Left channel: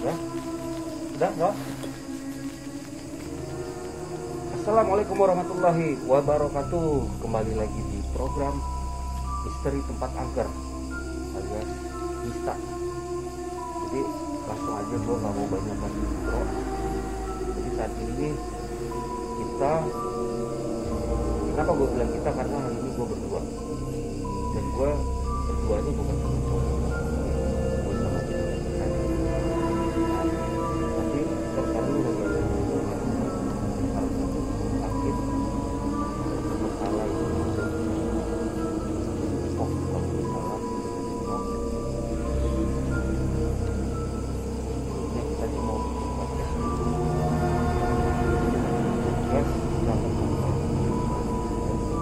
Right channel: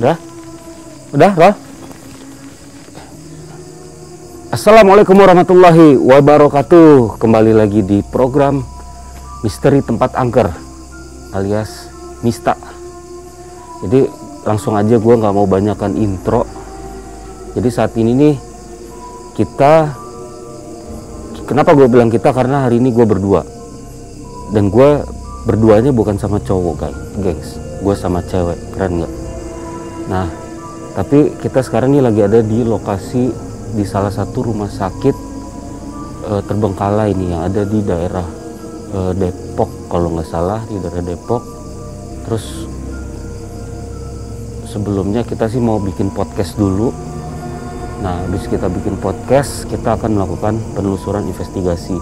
Udah? Udah, Rol? Assalamualaikum warahmatullahi wabarakatuh. Kembali lagi di program Misteri Tempat Angker alias Mista. Jadi langsung aja, gue nggak mau banyakkan intro. Jadi saat ini nih kita, kenapa gue bilang kita, karena hari ini gue berdua. Dan gue berduanya bukan sama cowok kan, guys. Gue sama cewek, keren nggak? Nah, tapi kita sekarang nih lagi ada di lokasi di salah satu rumah sakit terbengkalai ini yang ada di daerah Depok kalau nggak salah, di daerah Depok. Terus sebelumnya kita sih mau bikin podcast dulu. Nah, habis kita bikin podcast, kita akan melakukan penelusuran investigasi.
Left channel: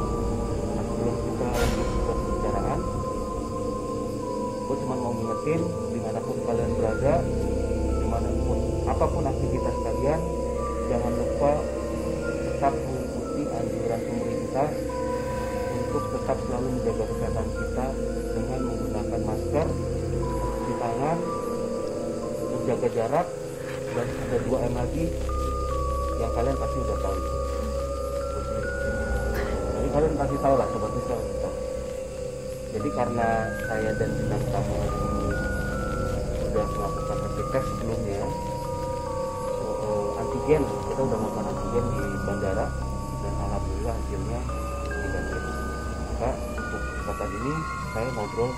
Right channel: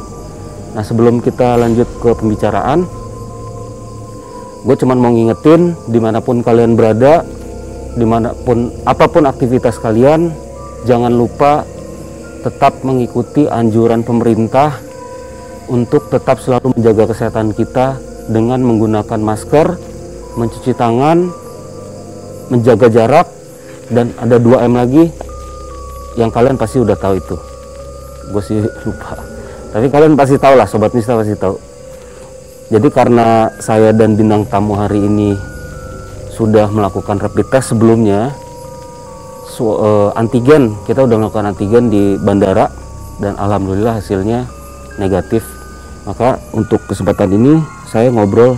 Nah, sebelum kita lanjut ke pembicaraan, gue cuman mau ngingetin dimanapun kalian berada, dimanapun apapun aktivitas kalian, jangan lupa tetap mengikuti anjuran pemerintah untuk tetap selalu menjaga kesehatan kita dengan menggunakan masker, mencuci tangan, menjaga jarak, dan ada 2M lagi yang kalian pasti udah tahu itu. Gue sih lupa, tapi kalian pasti tahu lah, Sobat Mista pasti tahu. Jadi karena saya dan bintang tamu hari ini sudah melakukan rapid test sebelumnya, antigen, kita udah melakukan antigen di bandara dan alhamdulillah hasilnya negatif. Maka untuk kesempatan ini saya ngobrol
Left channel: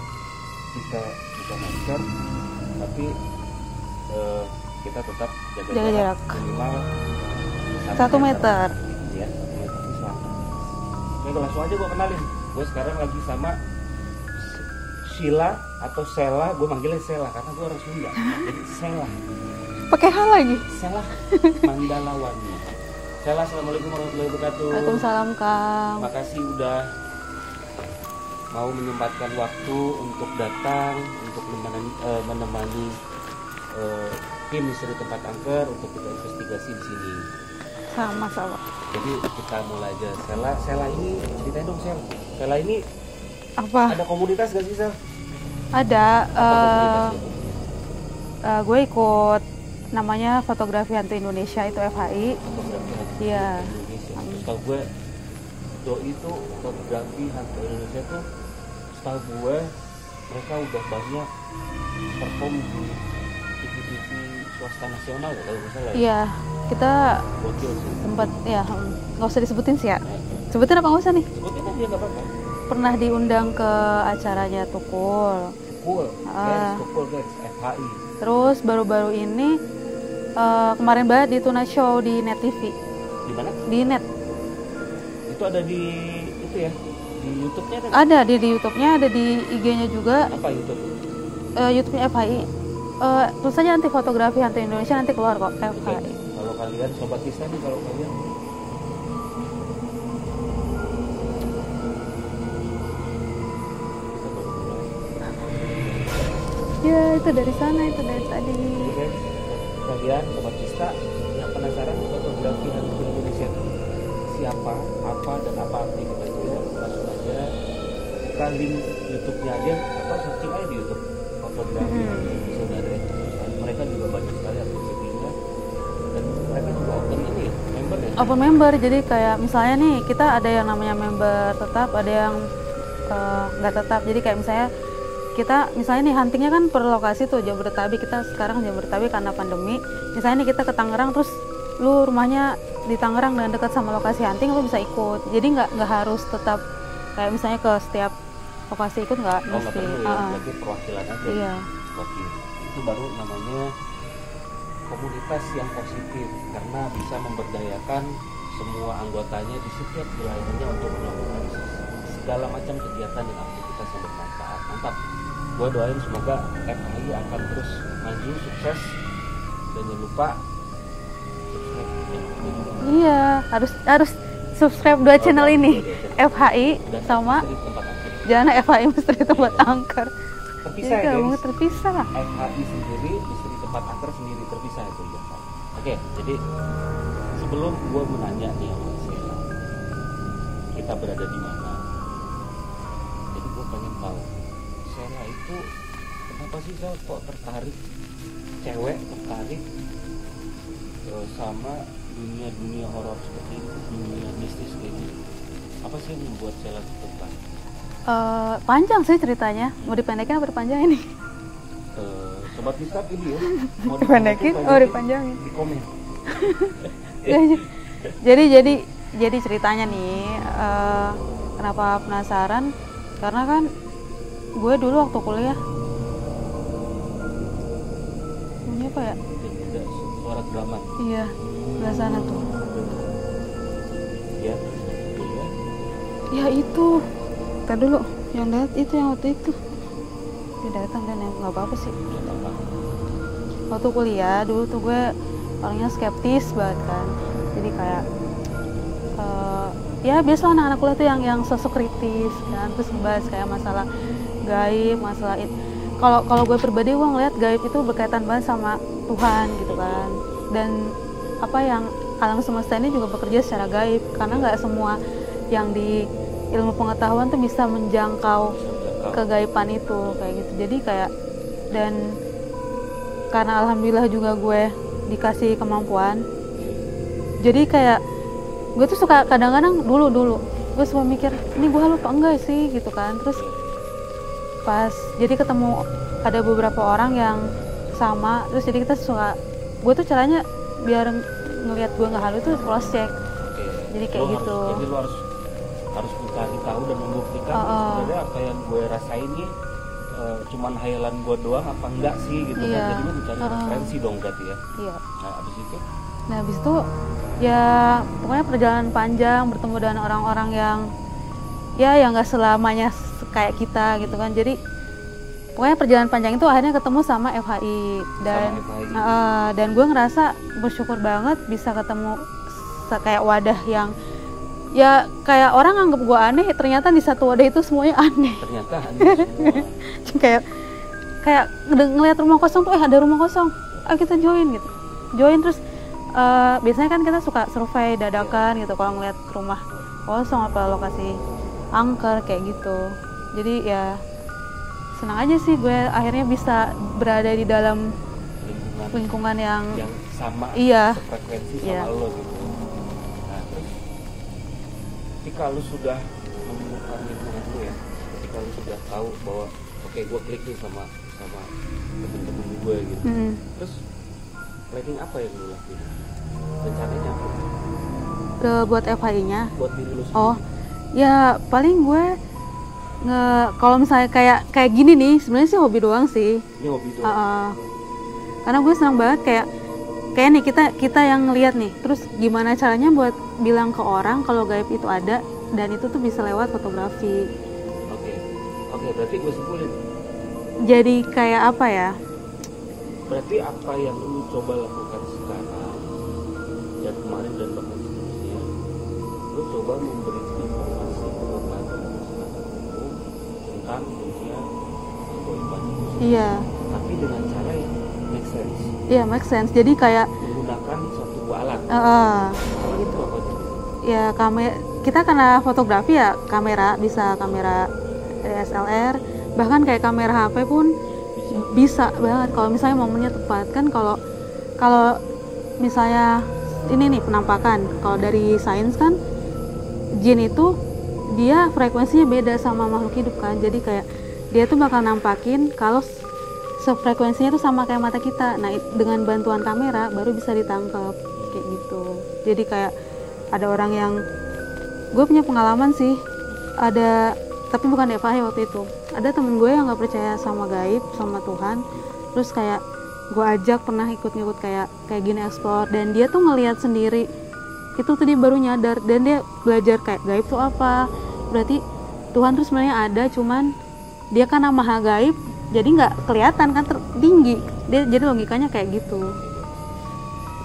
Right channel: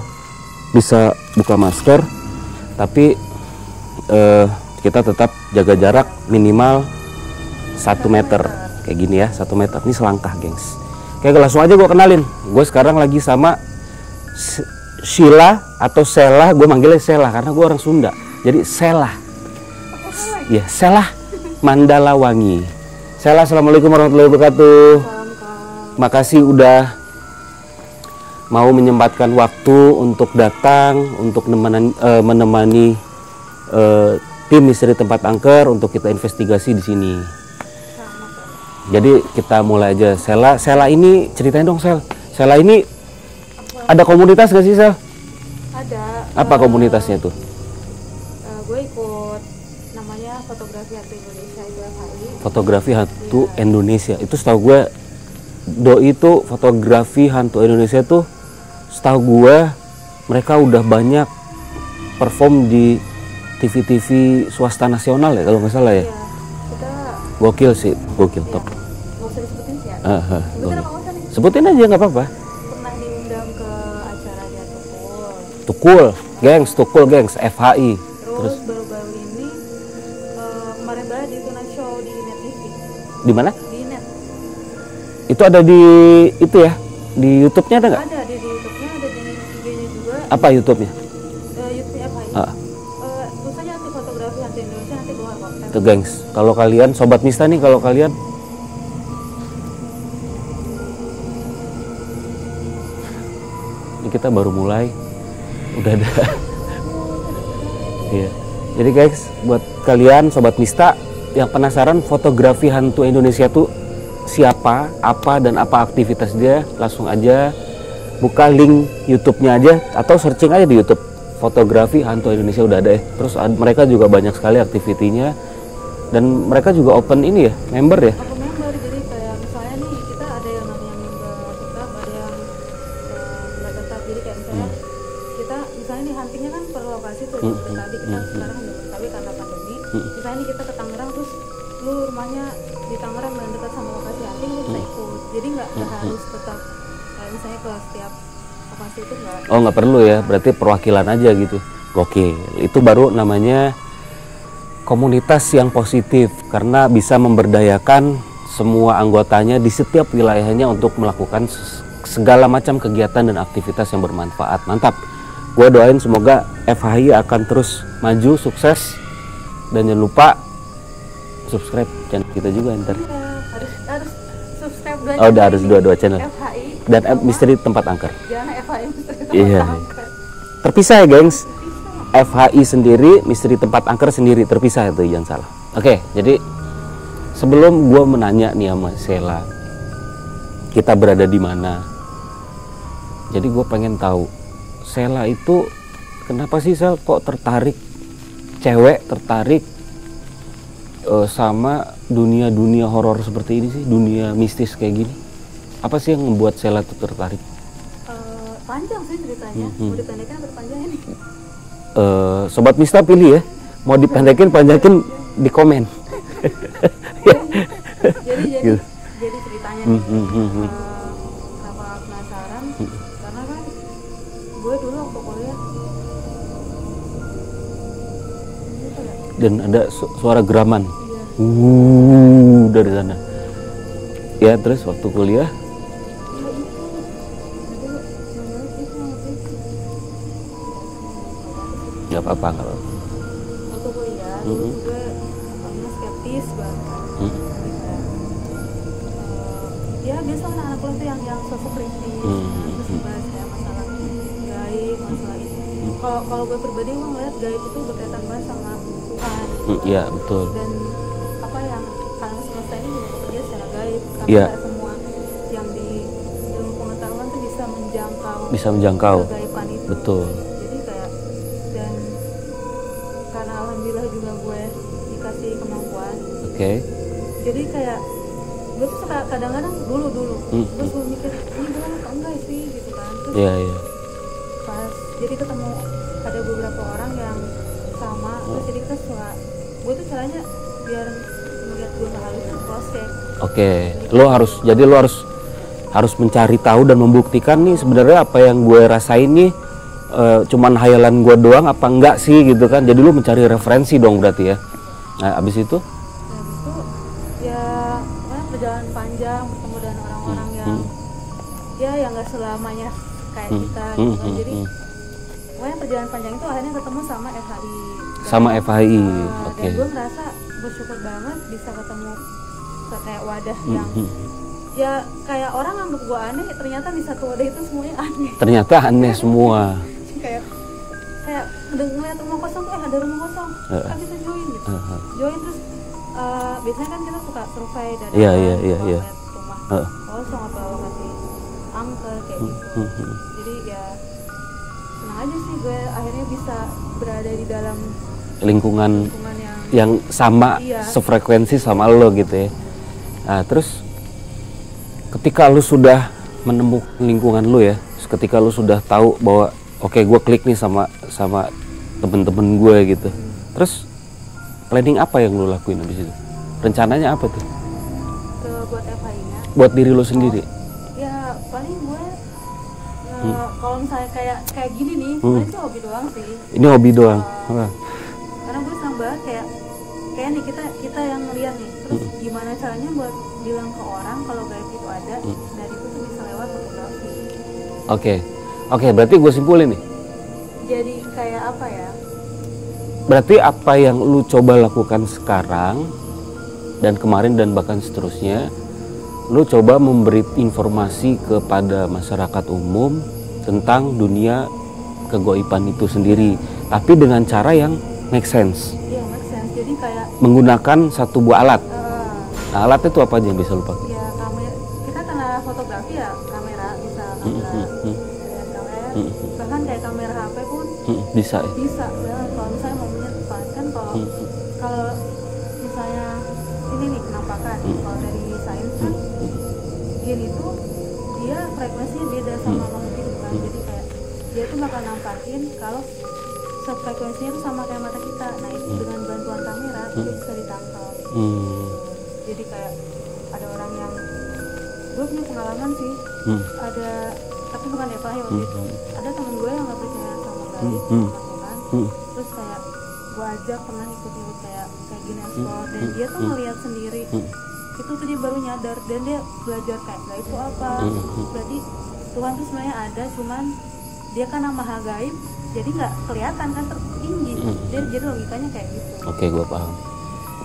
bisa buka masker, tapi kita tetap jaga jarak minimal 1 meter. Kayak gini ya, 1 meter. Ini selangkah, gengs. Oke, langsung aja gue kenalin. Gue sekarang lagi sama Sheila atau Sela. Gue manggilnya Sela karena gue orang Sunda, jadi Sela. Pakai hal lagi? Ya, Sela Mandalawangi. Sela, assalamualaikum warahmatullahi wabarakatuh. Salam Kak. Makasih udah mau menyempatkan waktu untuk datang, untuk menemani tim Misteri Tempat Angker untuk kita investigasi di sini. Sama-sama. Jadi kita mulai aja. Sela ini ceritain dong, Sela ini Apa? ada komunitas gak sih, Sel? Ada. Apa komunitasnya tuh? Gue ikut namanya Fotografi Hantu Indonesia, itu FHI. Fotografi Hantu Indonesia. Itu setahu gue, doi itu Fotografi Hantu Indonesia tuh, setahu gue mereka udah banyak perform di TV-TV swasta nasional ya kalau nggak salah ya. Iya, kita Gokil sih, gokil. ya, nggak usah disebutin sih ya. Sebutin apa nggak usah nih? Sebutin aja nggak apa-apa. Pernah diundang ke acaranya Tukul. Tukul, gengs, Tukul, gengs, FHI. Terus baru-baru ini kemarin banget di Tuna Show di Net TV. Di mana? Di Net. Itu ada di itu ya? Di YouTube-nya ada nggak? Ada di YouTube-nya, ada di IG-nya juga. Apa YouTube-nya? YouTube-nya FHI. Terus saja nanti Fotografi Hantu Indonesia nanti keluar kok. Itu gengs. Kalau kalian Sobat Mista nih, kalau kalian ini kita baru mulai, udah ada. Ya, itu dari sana, itu dari tadi. Jadi guys, buat kalian Sobat Mista yang penasaran fotografi hantu Indonesia tuh siapa, apa, dan apa aktivitas dia, langsung aja buka link YouTube-nya aja atau searching aja di YouTube. Fotografi Hantu Indonesia udah ada ya. Terus mereka juga banyak sekali aktivitinya dan mereka juga open ini ya, member ya. Open member, jadi kayak misalnya nih kita ada yang namanya member tetap, ada yang nggak tetap. Jadi kayak misalnya kita misalnya nih huntingnya kan per lokasi tuh Jabodetabek, kita sekarang Jabodetabek karena pandemi. Misalnya nih kita ke Tangerang, terus lu rumahnya di Tangerang dan dekat sama lokasi hunting, lu bisa ikut. Jadi nggak harus tetap kayak misalnya ke setiap lokasi itu nggak. Oh, nggak perlu ya, berarti perwakilan aja gitu. Oke, itu baru namanya komunitas yang positif karena bisa memberdayakan semua anggotanya di setiap wilayahnya untuk melakukan segala macam kegiatan dan aktivitas yang bermanfaat. Mantap. Gue doain semoga FHI akan terus maju, sukses, dan jangan lupa subscribe channel kita juga ntar. Iya, harus subscribe dua channel ini. Dua channel. FHI dan sama Misteri Tempat Angker. Jangan FHI Misteri Tempat Angker. Terpisah ya, gengs. Terpisah. FHI sendiri, Misteri Tempat Angker sendiri, terpisah itu, jangan salah. Oke, jadi sebelum gue menanya nih sama Sela, kita berada di mana? Jadi gue pengen tahu Sela itu kenapa sih Sel kok tertarik cewek tertarik sama dunia horor seperti ini sih, dunia mistis kayak gini? Apa sih yang membuat Sheila tuh tertarik? Panjang sih ceritanya. Mau dipendekin apa dipanjangin nih? Sobat Mista pilih ya, mau dipendekin panjangin di komen. jadi ceritanya nih, kenapa penasaran? Karena kan gue dulu waktu kuliah, ini apa ya? Dan ada suara geraman. Iya. Dari sana. Ya terus waktu kuliah? Ya itu, kan dulu yang lihat itu yang waktu itu. Datang kan ya, nggak apa-apa sih. Nggak apa-apa kalau. Waktu kuliah dulu tuh gue orangnya skeptis banget kan. Jadi kayak ya biasa anak-anak kuliah tuh yang sosok kritis, kan? Terus dibahas kayak masalah gaib, masalah itu. Kalau gue pribadi gue ngeliat gaib itu berkaitan banget sama Tuhan gitu kan. Iya betul. Dan apa yang alam semesta ini juga bekerja secara gaib, karena nggak semua yang di ilmu pengetahuan tuh bisa menjangkau kegaiban itu. Betul. Kayak gitu. Jadi kayak, dan karena alhamdulillah juga gue dikasih kemampuan. Jadi kayak gue tuh suka kadang-kadang dulu gue suka mikir ini gue lupa enggak sih gitu kan. Terus pas jadi ketemu ada beberapa orang yang sama, terus jadi kita suka, gue tuh caranya biar ngelihat gue nggak halu tuh cross check. Lo harus gitu. Jadi lo harus mencari tahu dan membuktikan nih sebenarnya apa yang gue rasain nih cuman hayalan gue doang apa enggak sih gitu kan. Jadi lo mencari referensi dong berarti ya. Nah abis itu ya pokoknya perjalanan panjang, bertemu dengan orang-orang yang yang nggak selamanya kayak kita gitu kan. Jadi pokoknya perjalanan panjang itu akhirnya ketemu sama FHI. Dan gue ngerasa bersyukur banget bisa ketemu kayak wadah yang ya kayak orang anggap gue aneh, ternyata di satu wadah itu semuanya aneh. Ternyata aneh semua. kayak ngeliat rumah kosong tuh, ada rumah kosong, kita join gitu. Join terus biasanya kan kita suka survei dadakan gitu kalau ngeliat rumah kosong apa lokasi angker kayak gitu. Jadi ya senang aja sih gue akhirnya bisa berada di dalam lingkungan yang sama, sefrekuensi sama lo gitu ya. Nah terus ketika lo sudah menemukan lingkungan lo ya, ketika lo sudah tahu bahwa oke, gue klik nih sama temen-temen gue gitu, terus planning apa yang lo lakuin abis itu? Rencananya apa tuh? Buat FHI-nya? Buat diri lo sendiri? Ya paling gue kalau misalnya kayak gini nih, sebenarnya sih hobi doang sih. Ini hobi doang? Karena gue senang banget kayak nih kita yang ngeliat nih, terus gimana caranya buat bilang ke orang kalau gaib itu ada, dan itu tuh bisa lewat fotografi. Oke, berarti gue simpulin nih. Jadi kayak apa ya? Berarti apa yang lu coba lakukan sekarang dan kemarin dan bahkan seterusnya, lu coba memberi informasi kepada masyarakat umum tentang dunia kegoiban itu sendiri, tapi dengan cara yang make sense. Iya, make sense. Jadi kayak menggunakan satu buah alat. Nah, alatnya itu apa aja yang bisa lu pakai? Ya kita karena fotografi ya kamera, bisa kamera DSLR, bahkan kayak kamera HP pun bisa banget kalau misalnya momennya tepat kan. Kalau misalnya ini nih penampakan nih, kalau dari sains kan jin itu dia frekuensinya beda sama makhluk hidup kan. Jadi kayak dia tuh bakal nampakin kalau sefrekuensinya tuh sama kayak mata kita. Nah dengan bantuan kamera baru bisa ditangkap gitu. Jadi kayak ada orang yang, gue punya pengalaman sih, ada, tapi bukan FHI waktu itu, ada temen gue yang nggak percaya sama gaib, sama Tuhan, terus kayak gue ajak pernah ikut-ikut kayak gini explore, dan dia tuh ngelihat sendiri, itu tuh dia baru nyadar, dan dia belajar kayak gaib tuh apa, berarti Tuhan tuh sebenarnya ada, cuman dia kan maha gaib, jadi nggak kelihatan kan, tinggi, dia jadi logikanya kayak gitu. Oke, gue paham.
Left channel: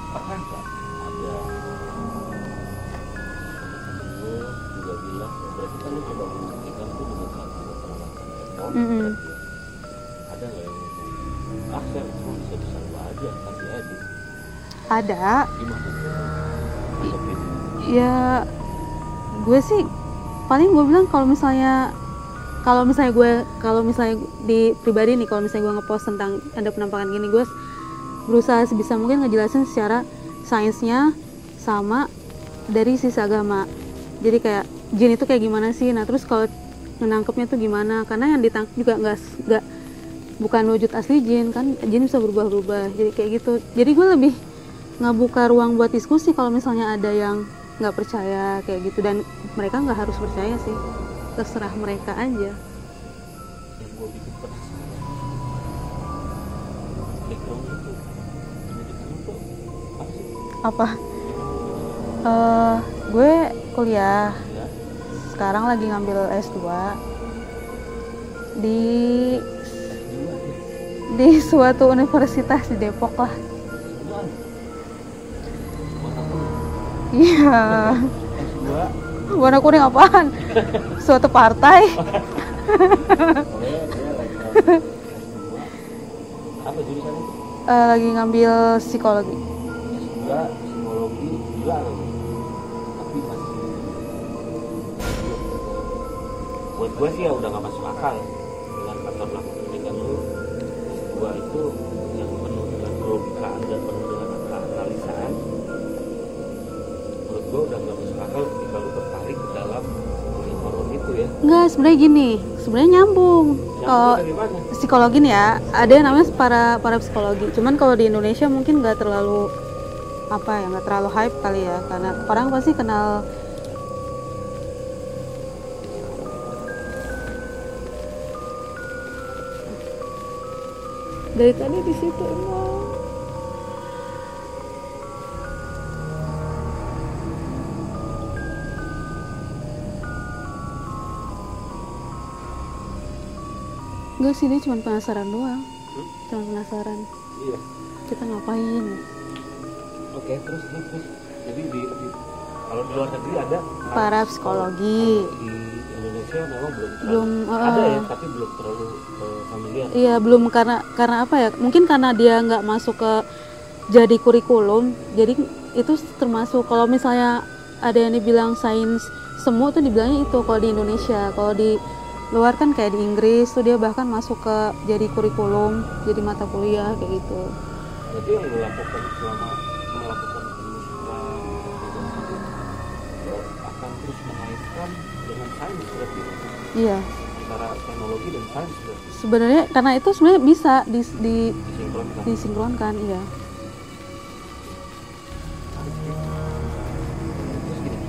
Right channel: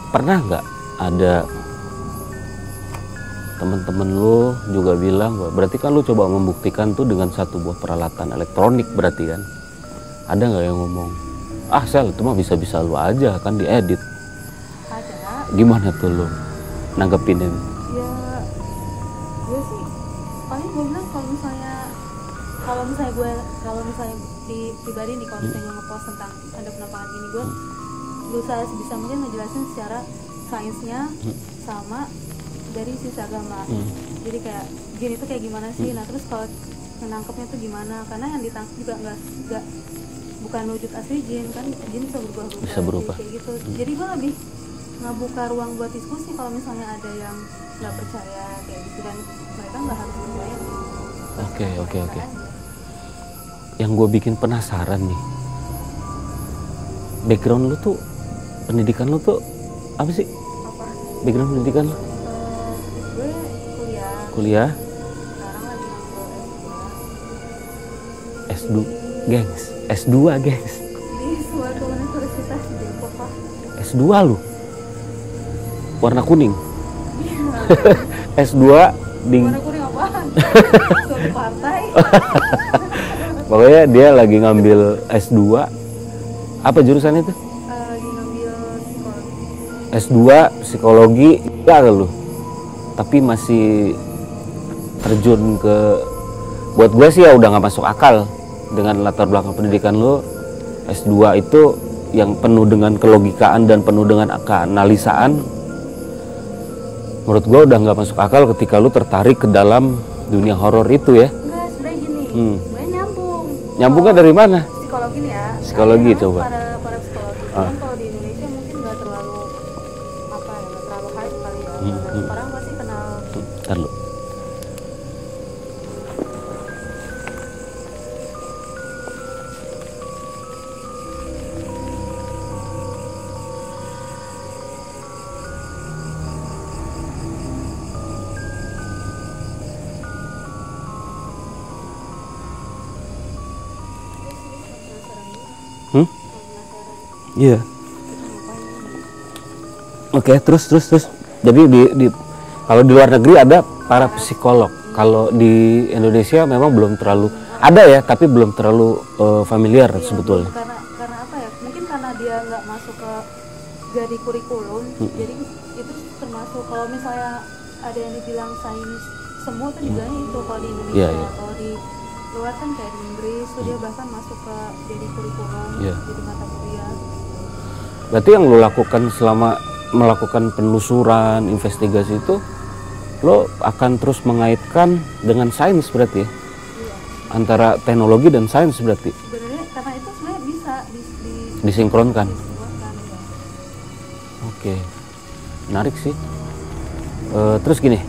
Pernah nggak ada temen-temen lo juga bilang, berarti kan lo coba membuktikan tuh dengan satu buah peralatan elektronik, berarti kan ada nggak yang ngomong, Sel itu mah bisa-bisa lo aja kan diedit? Ada. Gimana tuh lo nanggepin ini? Ya gue sih paling gue bilang kalau misalnya di pribadi nih, kalau misalnya gue ngepost tentang ada penampakan gini, gue berusaha sebisa mungkin ngejelasin secara sainsnya sama dari sisi agama. Jadi kayak jin itu kayak gimana sih, nah terus kalau menangkapnya tuh gimana, karena yang ditangkap juga nggak bukan wujud asli jin kan, jin bisa berubah-ubah, jadi kayak gitu. Jadi gue lebih ngebuka ruang buat diskusi kalau misalnya ada yang nggak percaya kayak gitu, dan mereka nggak harus percaya sih, terserah mereka aja. Yang gue bikin penasaran nih, background lu tuh, pendidikan lu tuh apa sih? Apa? Background pendidikan lu? Gue kuliah. Kuliah? Sekarang lagi ngambil S2. S2, gengs. S2, gengs. Di suatu universitas di Depok lah. S2 lu? Warna kuning? Iya. S2 di... Warna kuning apaan? Suatu partai. Pokoknya dia lagi ngambil S2. Apa jurusan itu? Lagi ngambil psikologi. S2 psikologi, gak lu? Tapi masih terjun ke, buat gue sih ya udah gak masuk akal dengan latar belakang pendidikan lu. S2 itu yang penuh dengan kelogikaan dan penuh dengan keanalisaan. Menurut gue udah gak masuk akal ketika lu tertarik ke dalam dunia horor itu ya. Enggak, sebenarnya gini, sebenarnya nyambung. Nyambungnya dari mana? Psikologi nih ya, Psikologi, ada yang namanya coba. para psikologi. Cuman kalau di Indonesia mungkin nggak terlalu nggak terlalu hype kali ya, karena orang pasti kenal. Lalu. Dari tadi di situ. Enggak sih, dia cuma penasaran doang. Cuma penasaran. Iya. Kita ngapain? Oke, terus. Jadi kalau di luar negeri ada para psikolog. psikologi. Kalau di Indonesia memang belum terlalu ada ya, tapi belum terlalu familiar Iya, sebetulnya. belum, karena apa ya? Mungkin karena dia nggak masuk ke jadi kurikulum. Jadi itu termasuk, kalau misalnya ada yang dibilang sains semu tuh dibilangnya itu kalau di Indonesia. Iya. Kalau di luar kan kayak di Inggris tuh dia bahkan masuk ke jadi kurikulum, Iya. jadi mata kuliah kayak gitu. Berarti yang lo lakukan selama melakukan penelusuran, investigasi itu, lo akan terus mengaitkan dengan sains berarti ya? Iya. Antara teknologi dan sains berarti? Sebenarnya karena itu sebenarnya bisa Disinkronkan? disinkronkan, iya. Oke, menarik sih. Terus gini,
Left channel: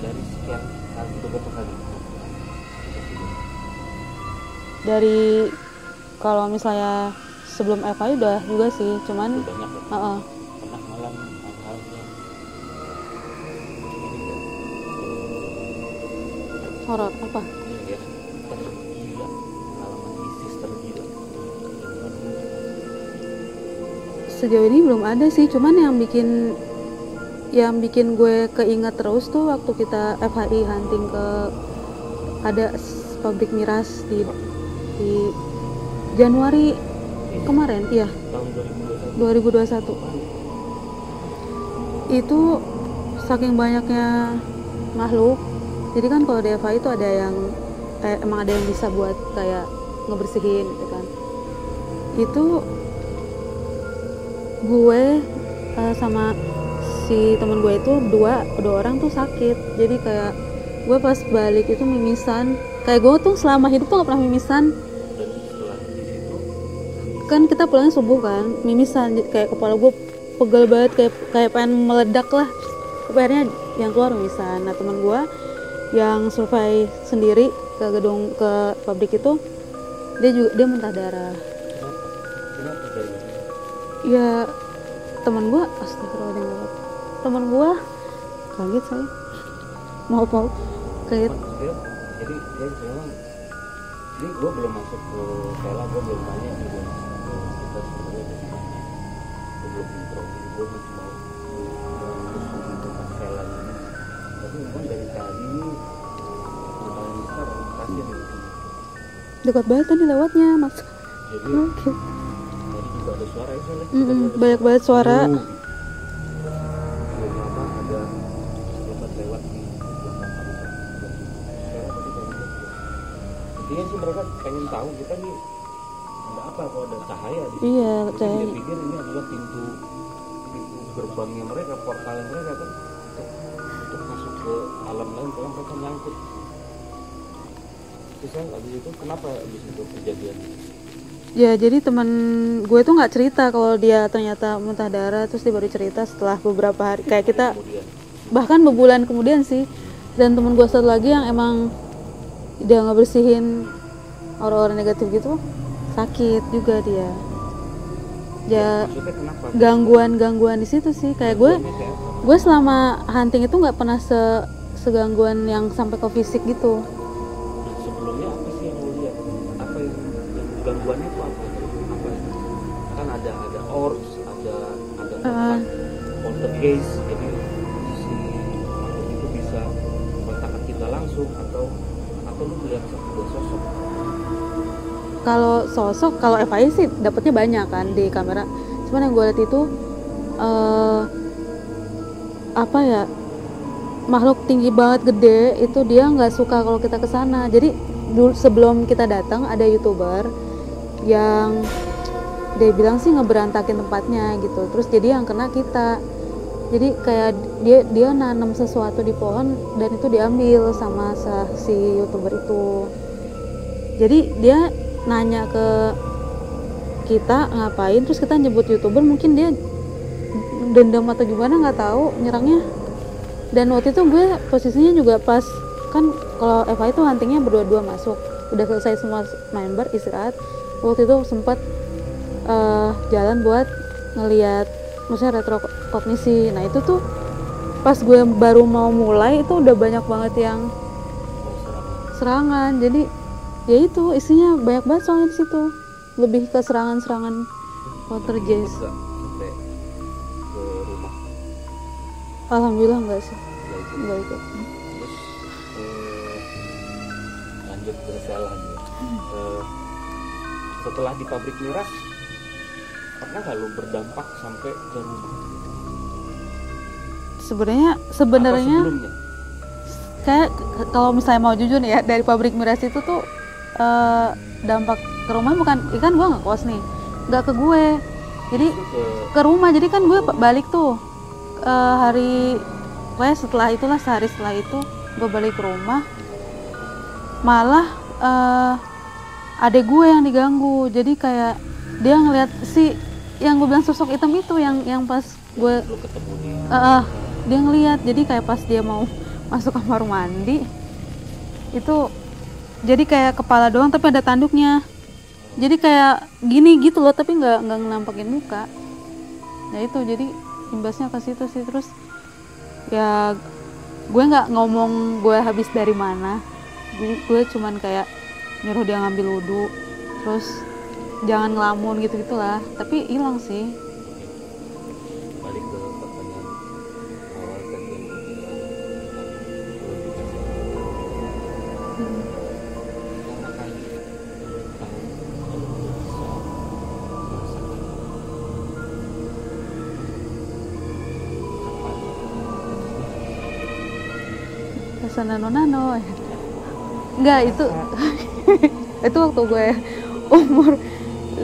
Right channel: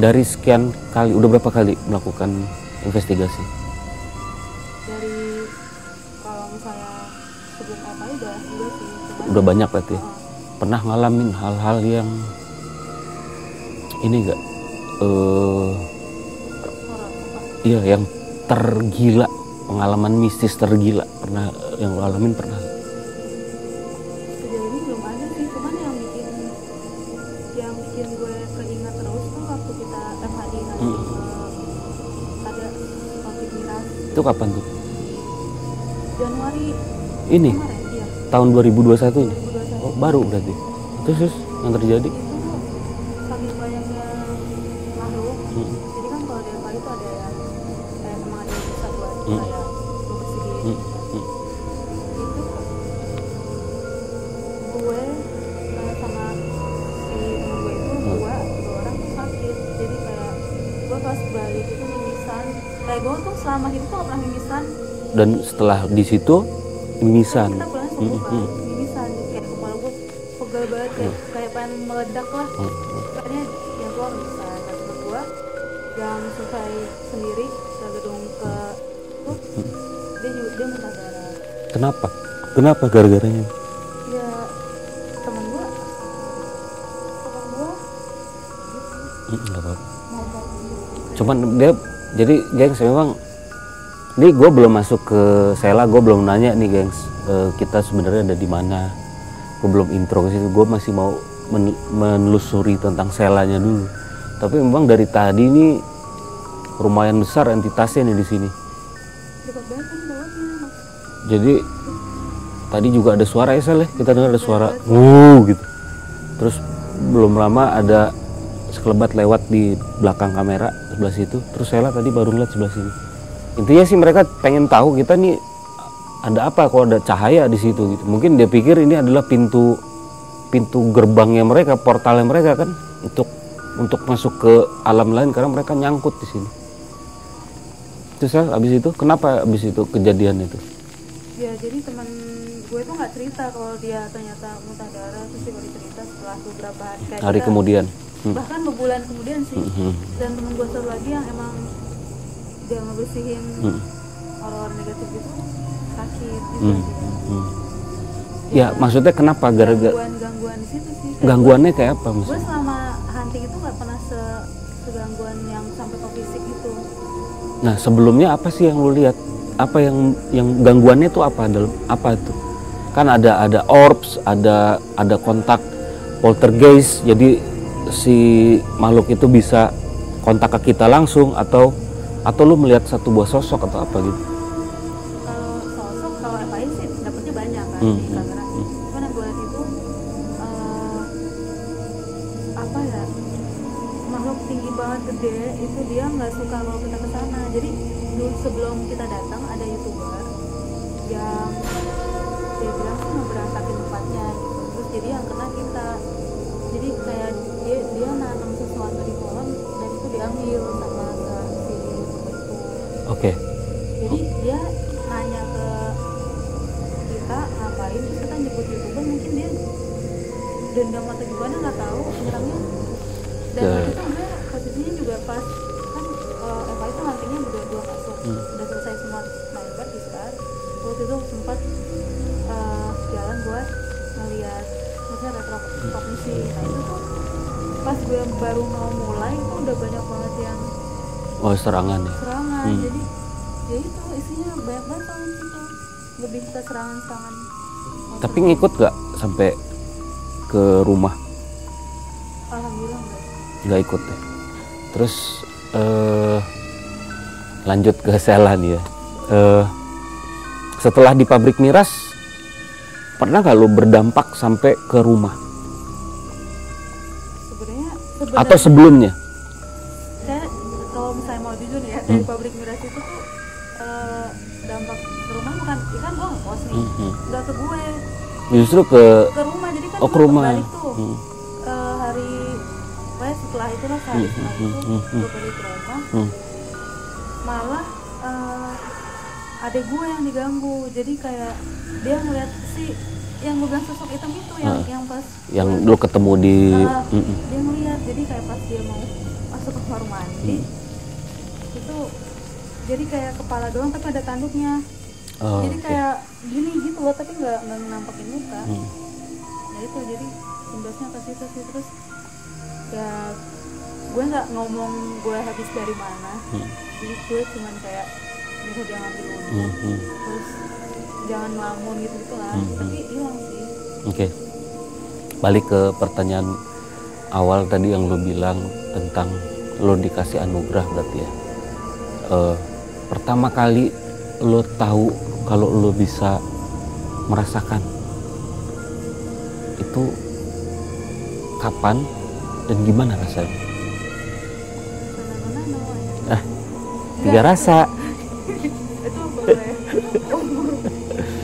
dari sekian kali, udah berapa kali melakukan investigasi? Dari kalau misalnya sebelum FI udah juga sih, cuman Udah banyak berarti? Pernah ngalamin hal-hal yang ini enggak? horor apa? Iya, yang tergila, pengalaman mistis tergila. Pernah, yang lo alamin pernah? Sejauh ini belum ada sih, cuman yang bikin gue keinget terus tuh waktu kita FHI hunting ke ada pabrik miras Itu kapan tuh? di Januari Ini? kemarin, iya, Tahun 2021? 2021. Oh, baru berarti? Terus yang terjadi? Itu saking banyaknya makhluk, jadi kan kalau di FHI itu ada yang kayak emang ada yang bisa buat kayak ngebersihin gitu kan. Itu gue sama si temen gue itu dua orang tuh sakit, jadi kayak gue pas balik itu mimisan, kayak gue tuh selama hidup tuh gak pernah mimisan. Dan setelah di situ mimisan? Kan kita pulangnya subuh kan, mimisan, kayak kepala gue pegel banget, kayak pengen meledak lah. Akhirnya yang keluar mimisan. Nah, temen gue yang survei sendiri ke gedung, ke pabrik itu, dia muntah darah. Kenapa gara-garanya? Ya teman gue, astagfirullahaladzim, teman gue kaget saya. Nggak apa-apa. Mau Cuman dia, jadi gengs memang, ini gue belum masuk ke Sela, gue belum nanya nih gengs, kita sebenarnya ada di mana. Gue belum intro ke situ, gue masih mau menelusuri tentang Selanya dulu. Tapi memang dari tadi ini lumayan besar entitasnya nih di sini. dekat banget tadi lewatnya, Mas. Jadi tadi juga ada suara ya Sel ya, kita dengar ada suara, banyak suara. gitu. Terus belum lama ada sekelebat lewat di belakang kamera sebelah situ. Terus Sela tadi baru lihat sebelah sini. Intinya sih mereka pengen tahu kita nih ada apa kok ada cahaya di situ. Iya, Mungkin dia pikir ini adalah pintu gerbangnya mereka, portalnya mereka kan untuk masuk ke alam lain karena mereka nyangkut di sini. Terus abis itu kenapa abis itu kejadian itu? Ya jadi teman gue tuh nggak cerita kalau dia ternyata muntah darah, terus dia baru cerita setelah beberapa hari kayak Hari kita kemudian. bahkan bebulan kemudian sih. Dan teman gue satu lagi yang emang dia nggak bersihin orang-orang negatif gitu sakit juga dia. Ya maksudnya kenapa? Gara-gara Gangguan di situ sih. Kayak gangguannya kayak apa? gue selama hunting itu nggak pernah segangguan yang sampai ke fisik gitu. Nah sebelumnya apa sih yang lu lihat? Apa yang gangguannya itu apa? Apa itu? Kan ada orbs, ada kontak poltergeist. Jadi si makhluk itu bisa kontak ke kita langsung atau lu melihat satu buah sosok atau apa gitu? Kalau sosok, kalau FI sih dapetnya banyak kan di kamera. Cuman yang gue lihat itu apa ya, makhluk tinggi banget gede itu dia nggak suka kalau kita kesana. Jadi dulu sebelum kita datang ada YouTuber yang dia bilang sih ngeberantakin tempatnya gitu. Terus jadi yang kena kita. Jadi kayak dia nanam sesuatu di pohon dan itu diambil sama si YouTuber itu. Oke. Jadi dia nanya ke kita ngapain, terus kita nyebut YouTuber, mungkin dia dendam atau gimana nggak tahu nyerangnya. Dan waktu itu gue posisinya juga pas kan kalau Eva itu huntingnya berdua-dua masuk, udah selesai semua main bar istirahat. Waktu itu sempat jalan buat ngelihat maksudnya retrokognisi. Nah itu tuh pas gue baru mau mulai itu udah banyak banget yang serangan. Jadi ya itu isinya banyak banget soalnya di situ, lebih ke serangan. Tapi ngikut gak sampai ke rumah? Alhamdulillah enggak sih. Nggak ikut. Terus lanjut ke Sela nih ya. Setelah di pabrik miras, pernah nggak lo berdampak sampai ke rumah? Sebenarnya Atau sebelumnya? Kayak kalau misalnya mau jujur nih ya, dari pabrik miras itu tuh dampak ke rumah bukan, ikan gue nggak kos nih, nggak ke gue. Jadi justru ke rumah. Jadi kan gue balik tuh hari setelah itulah sehari setelah itu gue balik ke rumah. Malah adek gue yang diganggu. Jadi kayak dia ngeliat si yang gue bilang sosok hitam itu yang pas yang lu ketemu di dia ngeliat. Jadi kayak pas dia mau masuk kamar mandi itu jadi kayak kepala doang tapi ada tanduknya. Jadi kayak gini gitu loh, tapi nggak ngelampakin muka. Ya itu jadi imbasnya ke situ sih. Terus ya gue nggak ngomong gue habis dari mana. Jadi gue cuman kayak nyuruh dia ngambil wudhu, terus jangan ngelamun gitu-gitulah. Tapi hilang sih. Oke. Balik ke pertanyaan awal tadi yang lo bilang tentang lo dikasih anugerah berarti ya. Pertama kali lo tahu kalau lo bisa merasakan itu kapan dan gimana rasanya? Rasa nano-nano. Nggak rasa. Itu waktu gue umur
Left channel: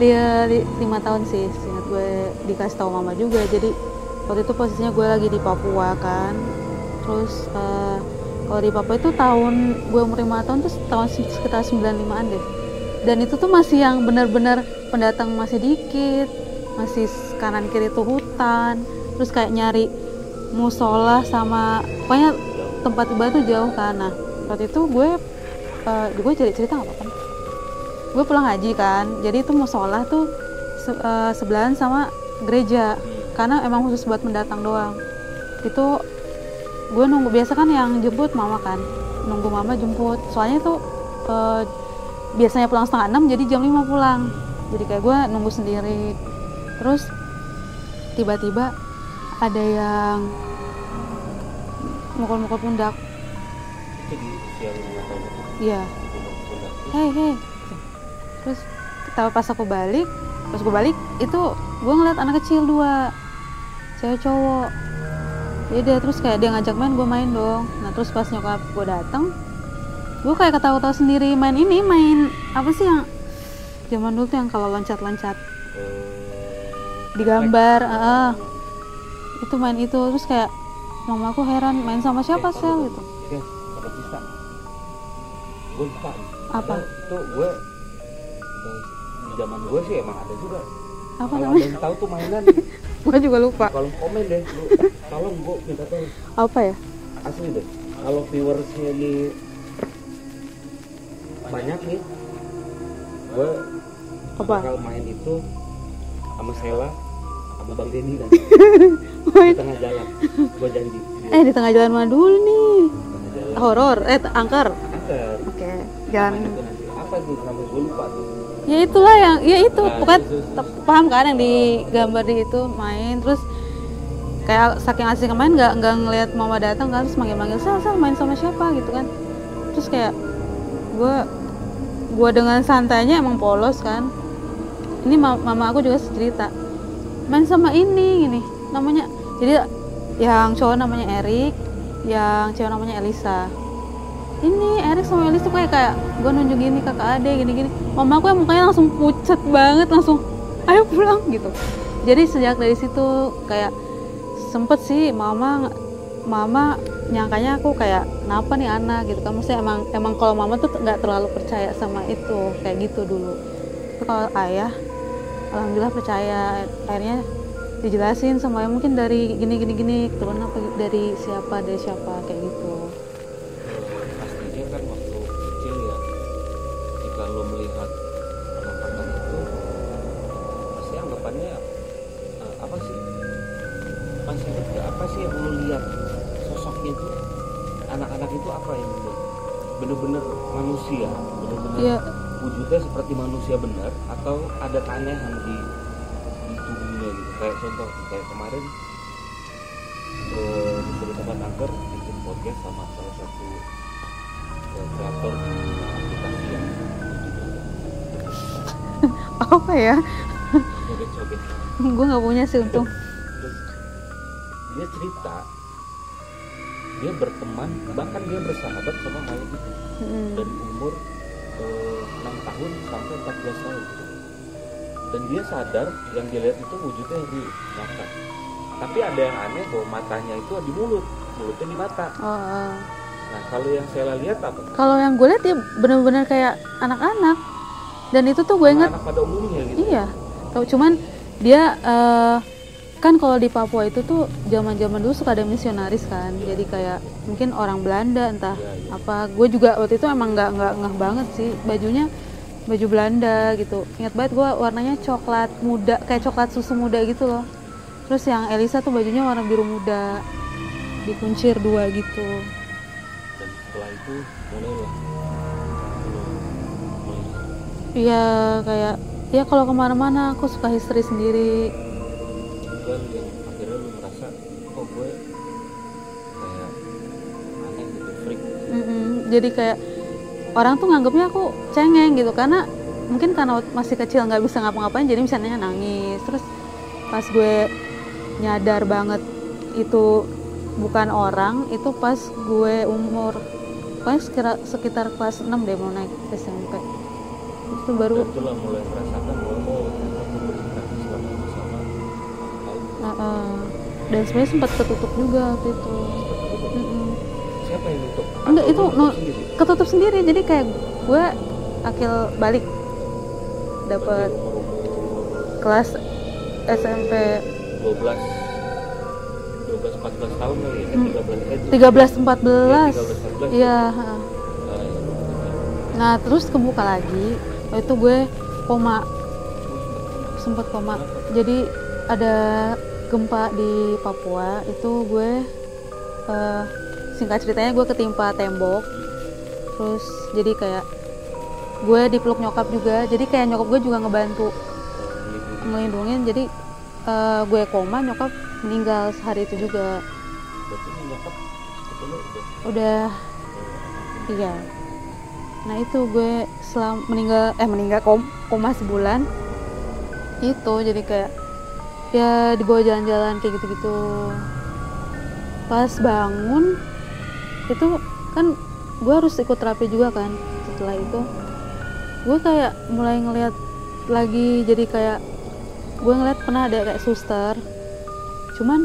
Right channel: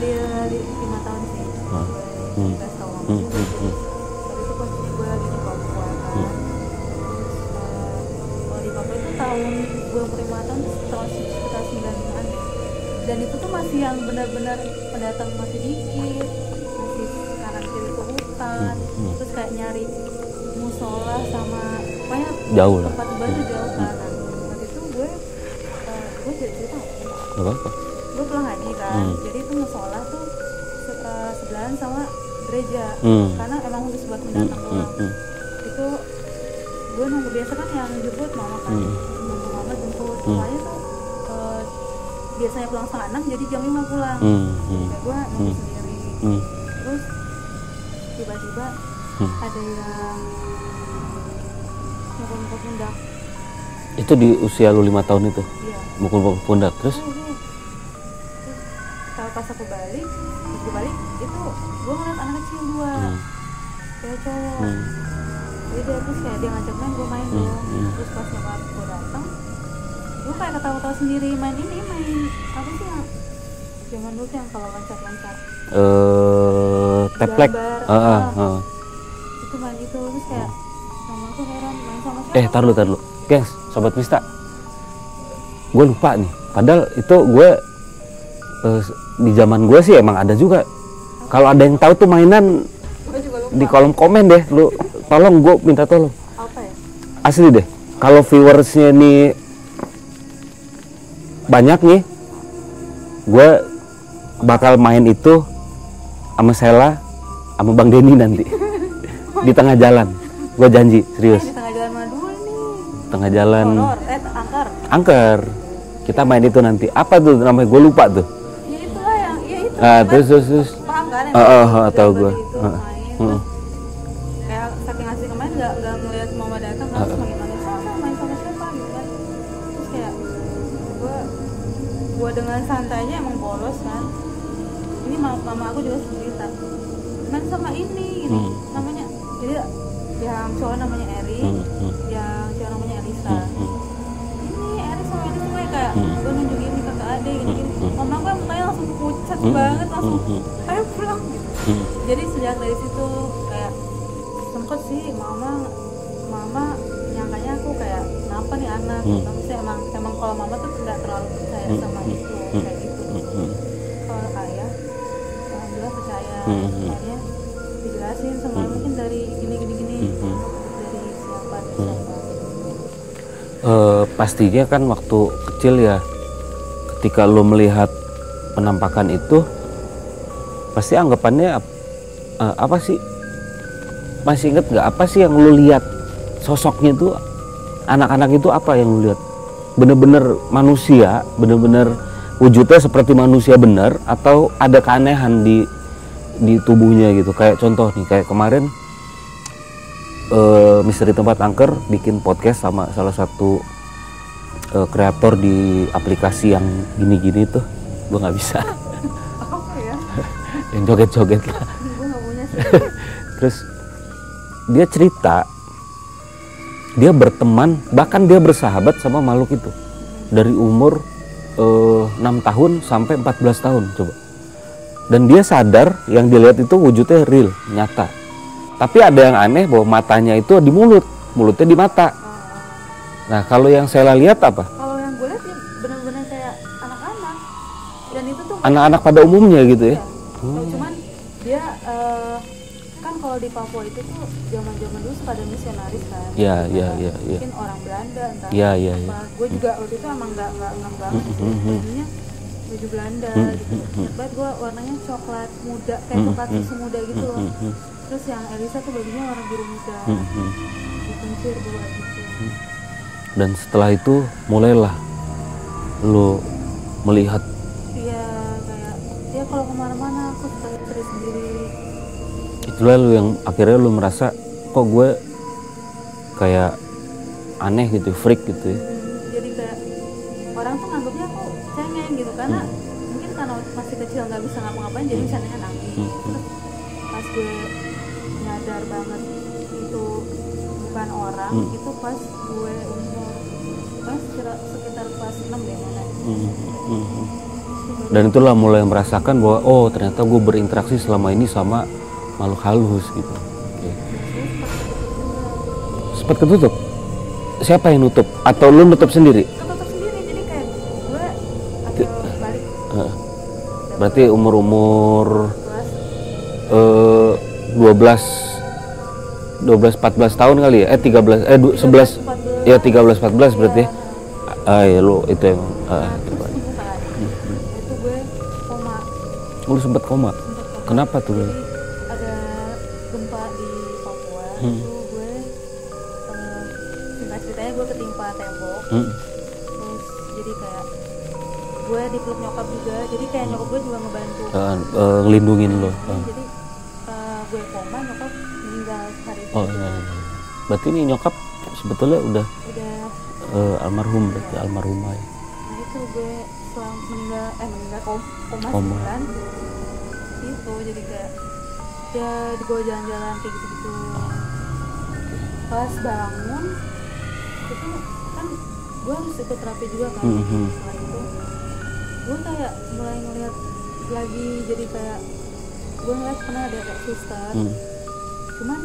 dia 5 tahun sih, gue dikasih tahu mama juga. Jadi waktu itu posisinya gue lagi di Papua kan. Terus kalau di Papua itu tahun gue umur 5 tahun tuh tahun sekitar 95an deh. Dan itu tuh masih yang benar-benar pendatang masih dikit, masih kanan kiri tuh hutan. Terus kayak nyari musola sama pokoknya jauh, tempat ibadah jauh kan. Nah waktu itu gue cerita apa kan? Gue pulang haji kan, jadi itu musola tuh sebelahan sama gereja, karena emang khusus buat mendatang doang. Itu gue nunggu, biasa kan yang jemput mama kan, nunggu mama jemput. Soalnya tuh biasanya pulang 5:30, jadi jam 5 pulang. Jadi kayak gue nunggu sendiri. Terus tiba-tiba ada yang mukul-mukul pundak. Itu di usia lu 5 tahun itu? Iya. Mukul-mukul pundak, terus? Terus pas gue balik itu gue ngeliat anak kecil 2, cewek cowok. Jadi dia terus kayak dia ngajak main, gue main dong. Nah terus pas nyokap gue datang, gue kayak ketawa-tawa sendiri, main apa sih yang Zaman dulu tuh yang kalau loncat-loncat teplek. gambar, itu main itu. Terus kayak mama aku heran, main sama siapa? Tar dulu. Gengs, Sobat Mista. Gue lupa nih. Padahal itu gue di zaman gue sih emang ada juga. Kalau ada yang tahu tuh mainan, gue juga lupa. di kolom komen deh, lu tolong, gue minta tolong. Apa ya? Asli deh. Kalau viewersnya nih banyak nih, gue bakal main itu sama Sela, sama Bang Denny nanti di tengah jalan. Gue janji, serius. Di tengah jalan mana dulu nih? Tengah jalan. Horor, angker. Kita main itu nanti. Apa tuh namanya? Gue lupa tuh. Ya itulah yang, ya itu. Terus. Paham kan yang dari gambar gitu main. Terus kayak saking asik main nggak ngelihat mama datang kan, terus manggil Sal main sama siapa gitu kan. Terus kayak gue dengan santainya emang polos kan. Ini mama aku juga cerita, main sama ini namanya. Jadi yang cowok namanya Erik, yang cewek namanya Elisa. Ini Erik sama Elisa tuh kayak gue nunjukin ini kakak adek gini. Mama aku yang mukanya langsung pucat banget, langsung ayo pulang gitu. Jadi sejak dari situ kayak sempet sih mama nyangkanya aku kayak kenapa nih anak gitu. Maksudnya emang kalau mama tuh nggak terlalu percaya sama itu kayak gitu dulu. Kalau ayah alhamdulillah percaya. Akhirnya dijelasin semuanya mungkin dari gini turun apa dari siapa kayak gitu. Pastinya kan waktu kecil ya, ketika lo melihat penampakan itu pasti anggapannya apa sih, masih inget nggak apa sih yang lo lihat sosoknya itu, anak-anak itu apa yang lo lihat? Bener-bener manusia, bener-bener wujudnya seperti manusia bener, atau ada keanehan di tubuhnya gitu? Kayak contoh nih, kayak kemarin Misteri Tempat Angker bikin podcast sama salah satu kreator di aplikasi yang gini-gini tuh, gue nggak bisa. Apa ya? Yang joget-joget lah. Gue nggak punya sih itu. Terus dia cerita, dia berteman, bahkan dia bersahabat sama makhluk itu dari umur 6 tahun sampai 14 tahun coba. Dan dia sadar yang dilihat itu wujudnya real, nyata. Tapi ada yang aneh bahwa matanya itu di mulutnya di mata. Nah kalau yang saya lihat apa? Kalau yang gue lihat ya benar-benar kayak anak-anak. Dan itu tuh gue anak-anak pada umumnya gitu ya. Cuman dia kan kalau di Papua itu tuh zaman-zaman dulu suka ada misionaris kan. Mungkin orang Belanda entah apa. Gue juga waktu itu emang nggak ngeh banget sih bajunya. Baju Belanda gitu. Ingat banget gue warnanya coklat muda, kayak coklat susu muda gitu loh. Terus yang Elisa tuh bajunya warna biru muda, dikuncir 2 gitu. Dan setelah itu mulailah lo melihat. Iya kayak, ya kalau kemana-mana aku suka history sendiri. Itulah lo yang akhirnya lo merasa kok gue kayak aneh gitu, freak gitu ya. Jadi kayak orang tuh nganggapnya aku cengeng gitu, karena mungkin karena masih kecil nggak bisa ngapa-ngapain, jadi misalnya nangis. Terus pas gue nyadar banget itu bukan orang, itu pas gue umur sekitar kelas 6 deh, mau naik SMP. Itu baru. Dan itulah mulai merasakan bahwa oh ternyata gue berinteraksi selama ini sama makhluk halus gitu. Dan sebenarnya sempat ketutup juga gitu. Sempat ketutup? Siapa yang nutup? Atau lu nutup sendiri? Ketutup sendiri, jadi kayak gue akil balik. Berarti umur kelas SMP 12-14 tahun kali ya? 13-14 ya 13-14 berarti. Ya lu itu yang nah terus kebuka lagi, itu gue koma. Lu sempat koma? Sempat koma. Kenapa tuh? Jadi ada gempa di Papua, itu gue singkat ceritanya gue ketimpa tembok. Terus jadi kayak gue dipeluk nyokap juga, jadi kayak nyokap gue juga ngebantu ngelindungin. Jadi gue koma, nyokap meninggal sehari itu juga. Berarti ini nyokap sebetulnya udah almarhum. Almarhumah. Nah itu gue meninggal koma sebulan itu, jadi kayak ya dibawa jalan-jalan kayak gitu-gitu. Pas bangun itu kan gue harus ikut terapi juga kan. Setelah itu gue kayak mulai ngeliat lagi jadi kayak gue ngeliat pernah ada kayak suster, cuman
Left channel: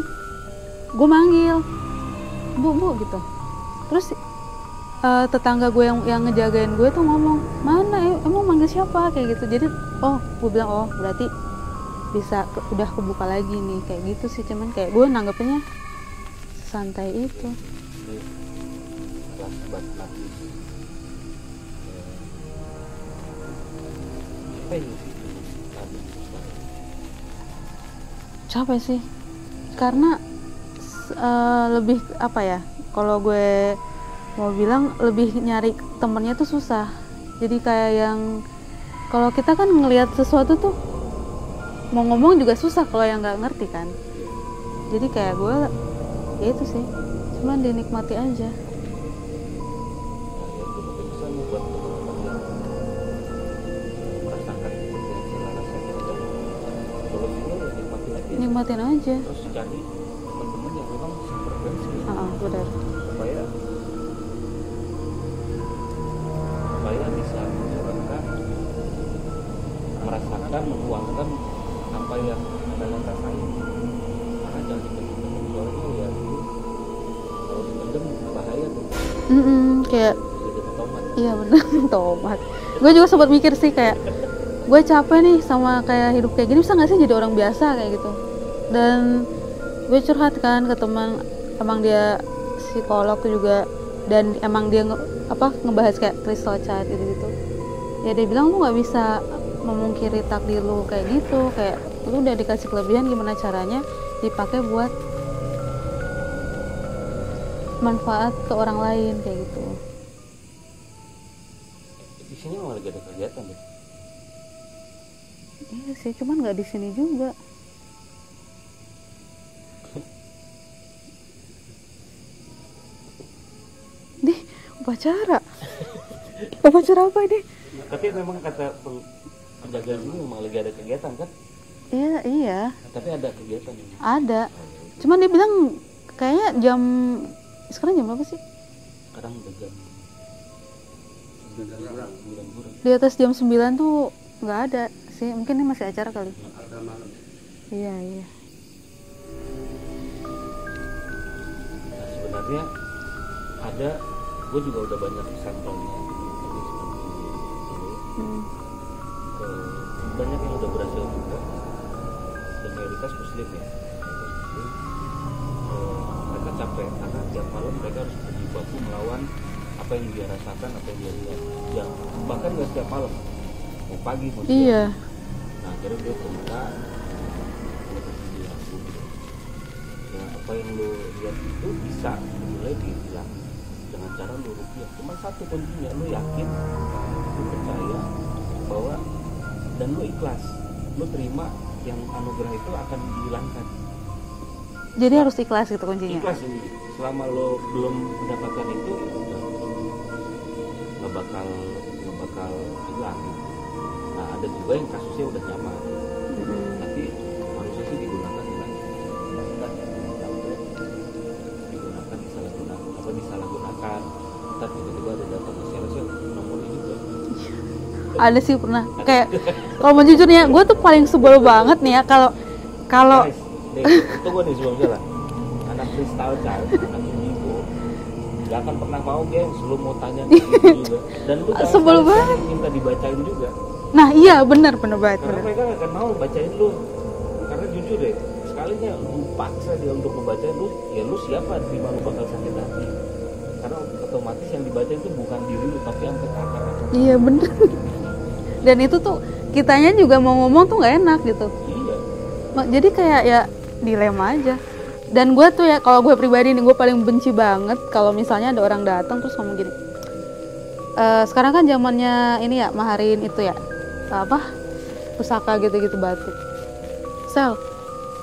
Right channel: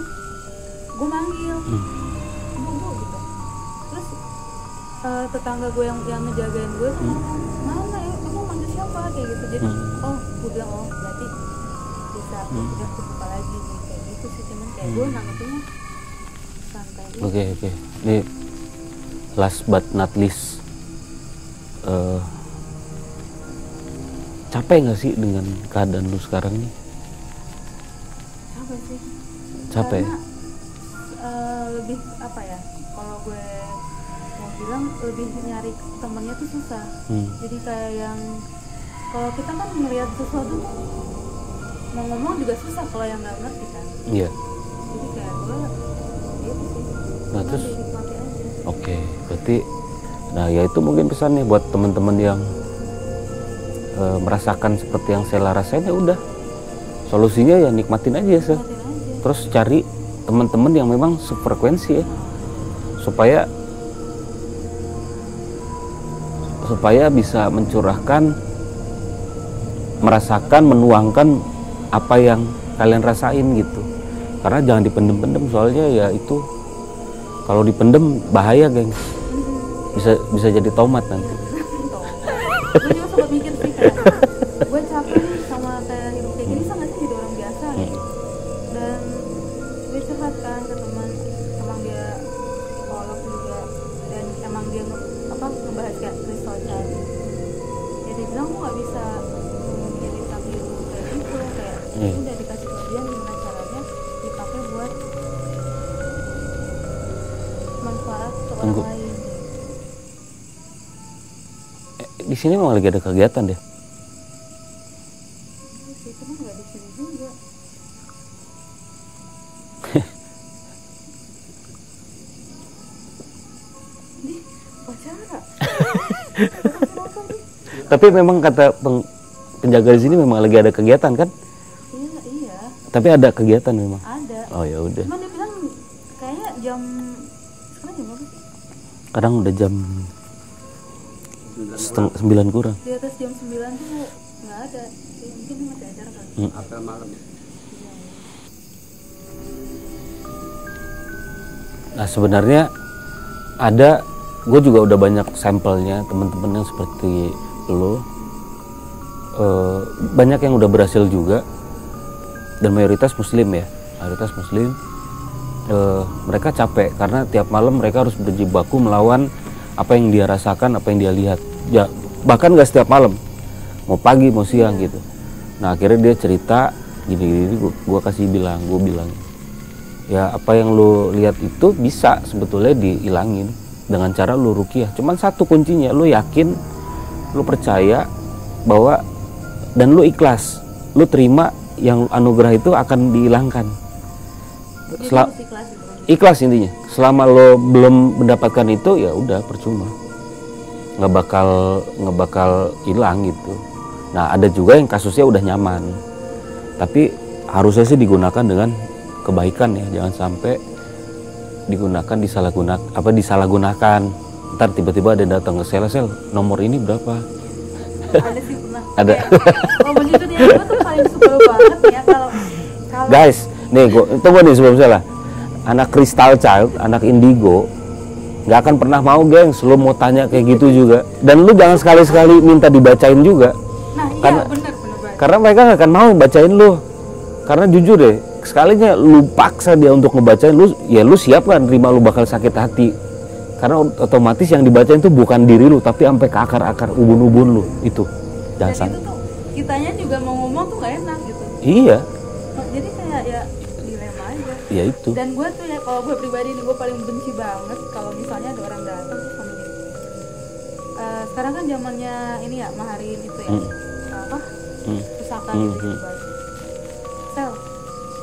gue manggil bu gitu, terus tetangga gue yang ngejagain gue tuh ngomong, mana emang manggil siapa kayak gitu. Jadi gue bilang berarti bisa udah kebuka lagi nih kayak gitu sih. Cuman kayak gue nanggepinnya santai. Oke. Nih last but not least, capek nggak sih dengan keadaan lu sekarang nih? Capek sih. Capek. Karena lebih apa ya, kalau gue mau bilang lebih nyari temennya tuh susah. Jadi kayak yang kalau kita kan ngelihat sesuatu tuh mau ngomong juga susah kalau yang nggak ngerti kan. Iya. Jadi kayak gue ya itu sih, cuma terus, dinikmati aja. Oke, berarti nah ya itu mungkin pesannya buat teman-teman yang merasakan seperti yang saya rasain, ya udah solusinya ya nikmatin aja sih. Nikmatin aja. Terus cari teman-teman yang memang sefrekuensi ya, benar. supaya bisa mencurahkan, merasakan, menuangkan apa yang kalian rasain gitu. Karena jangan dipendem-pendem, soalnya ya itu kalau dipendem bahaya geng. Bisa jadi tomat nanti. Iya benar, tomat. Gue juga sempat mikir sih kayak gue capek nih sama kayak hidup kayak gini, bisa nggak sih jadi orang biasa kayak gitu. Dan gue curhat kan ke teman, emang dia psikolog tuh juga, dan emang dia ngebahas kayak crystal chart gitu. Ya dia bilang lu nggak bisa memungkiri takdir lu kayak gitu, kayak lu udah dikasih kelebihan, gimana caranya dipakai buat manfaat ke orang lain kayak gitu. Di sini emang lagi ada kegiatan deh. Iya sih, cuman nggak di sini juga. Nih, upacara. Upacara apa ini? Tapi memang kata penjaga di sini memang lagi ada kegiatan kan? Iya. Tapi ada kegiatan memang. Ada. Oh ya udah. Cuman dia bilang kayaknya sekarang jam berapa sih? Kadang udah jam 9 kurang. Di atas jam 9 tuh nggak ada sih, mungkin ini masih acara kali. Iya. Nah sebenarnya ada, gue juga udah banyak sampelnya teman-teman yang seperti lo. Banyak yang udah berhasil juga, dan mayoritas muslim ya, mereka capek karena tiap malam mereka harus berjibaku melawan apa yang dia rasakan, apa yang dia lihat. Ya bahkan nggak setiap malam, mau pagi mau siang gitu. Nah akhirnya dia cerita gini, gue bilang ya apa yang lo lihat itu bisa sebetulnya dihilangin dengan cara lo ruqyah. Cuman satu kuncinya, lo yakin, lo percaya bahwa, dan lo ikhlas, lo terima yang anugerah itu akan dihilangkan. Jadi harus ikhlas gitu kuncinya. Ikhlas intinya. Selama lo belum mendapatkan itu ya udah percuma, nggak bakal hilang gitu. Nah ada juga yang kasusnya udah nyaman, tapi harusnya sih digunakan dengan kebaikan ya, jangan sampai digunakan disalahgunakan. Ntar tiba-tiba ada datang ke sel nomor ini berapa. Ada sih pernah. Ada. Kalau mau jujur nih, gue tuh paling sebel banget nih ya kalau guys, nih tunggu nih sebelum salah. Anak Crystal Child, anak Indigo nggak akan pernah mau gengs, lo mau tanya kayak gitu juga. Dan lu jangan sekali-sekali minta dibacain juga. Nah iya bener banget. Karena mereka nggak akan mau bacain lu. Karena jujur deh, sekalinya lu paksa dia untuk ngebacain lu, ya lu siap kan terima lu bakal sakit hati. Karena otomatis yang dibacain itu bukan diri lu, tapi sampai ke akar-akar ubun-ubun lu itu. Dan itu tuh kitanya juga mau ngomong tuh nggak enak gitu. Iya. Jadi kayak ya dilema aja. Ya itu. Dan gue tuh ya, kalau gue pribadi nih, gue paling benci banget kalau misalnya ada orang datang terus ngomong gini. Sekarang kan zamannya ini ya, maharin itu ya, pusaka gitu-gitu batu. Sel,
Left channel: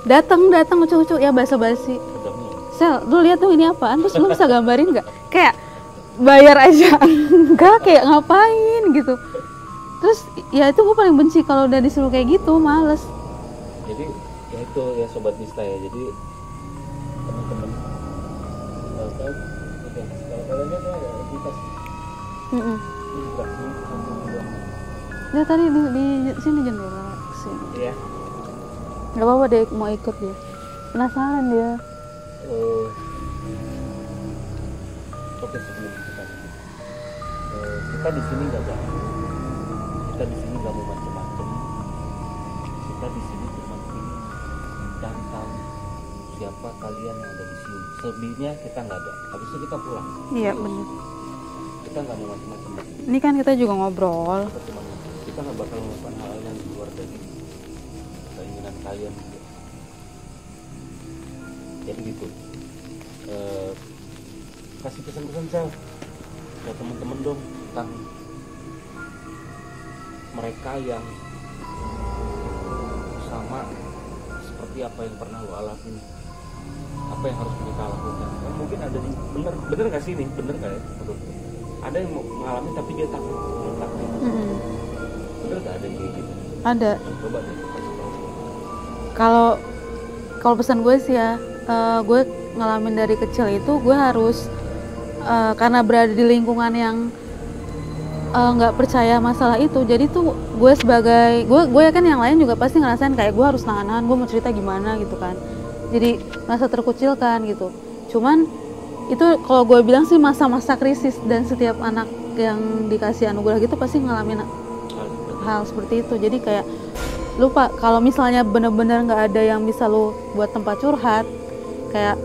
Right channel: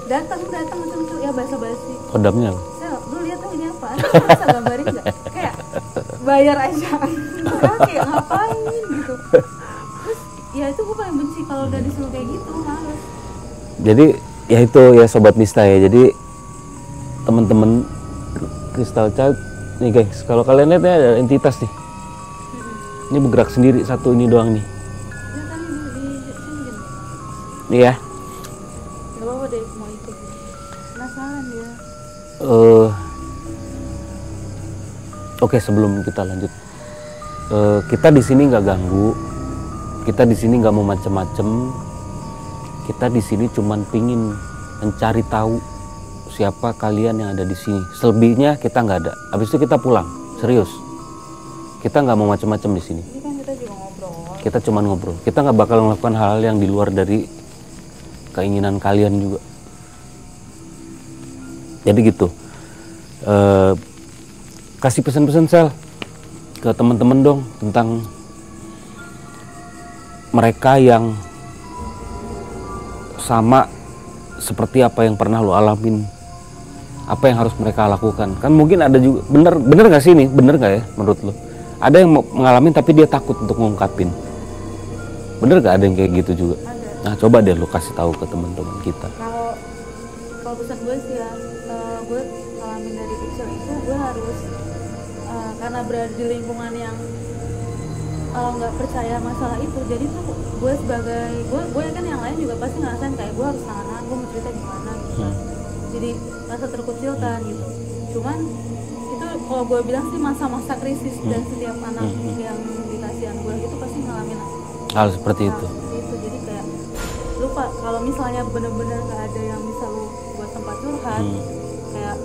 datang lucu-lucu ya, basa-basi. Pedamnya. Sel, lu lihat tuh ini apaan? Terus lu bisa gambarin nggak? Kayak bayar aja, enggak, kayak ngapain gitu. Terus ya itu gue paling benci kalau udah disuruh kayak gitu, males. Jadi ya itu ya Sobat Mista ya, jadi teman-teman Crystal Child nih guys, kalau kalian lihat ya ada entitas nih. Ini bergerak sendiri satu ini doang nih. Dia tadi di sini jendela sih. Iya. Gak apa-apa deh mau ikut ya. Penasaran dia. Oke, sebelum kita lanjut, kita di sini nggak ganggu, kita di sini nggak mau macem-macem, kita di sini cuman pingin mencari tahu siapa kalian yang ada di sini. Selebihnya kita nggak ada. Habis itu kita pulang, serius. Kita nggak mau macem-macem di sini. Ini kan kita juga ngobrol. Kita cuman ngobrol. Kita nggak bakal melakukan hal-hal yang di luar dari keinginan kalian juga. Jadi gitu. Kasih pesan-pesan Sel ke teman-teman dong tentang mereka yang sama seperti apa yang pernah lo alamin, apa yang harus mereka lakukan. Kan mungkin ada juga, bener nggak sih ini, bener nggak ya menurut lo? Ada yang mau ngalamin tapi dia takut untuk ngungkapin. Bener nggak ada yang kayak gitu juga? Ada. Nah coba deh lo kasih tahu ke teman-teman kita. Kalau pesan gue sih ya, gue ngalamin dari kecil itu gue harus karena berada di lingkungan yang nggak percaya masalah itu, jadi tuh gue sebagai gue yakin yang lain juga pasti ngerasain kayak gue harus nahan, gue mau cerita gimana gitu kan, jadi merasa terkucilkan gitu. Cuman itu kalau gue bilang sih masa-masa krisis, dan setiap anak yang dikasih anugerah gitu pasti ngalamin hal seperti itu. Jadi kayak lupa kalau misalnya bener-bener nggak ada yang bisa lu buat tempat curhat, kayak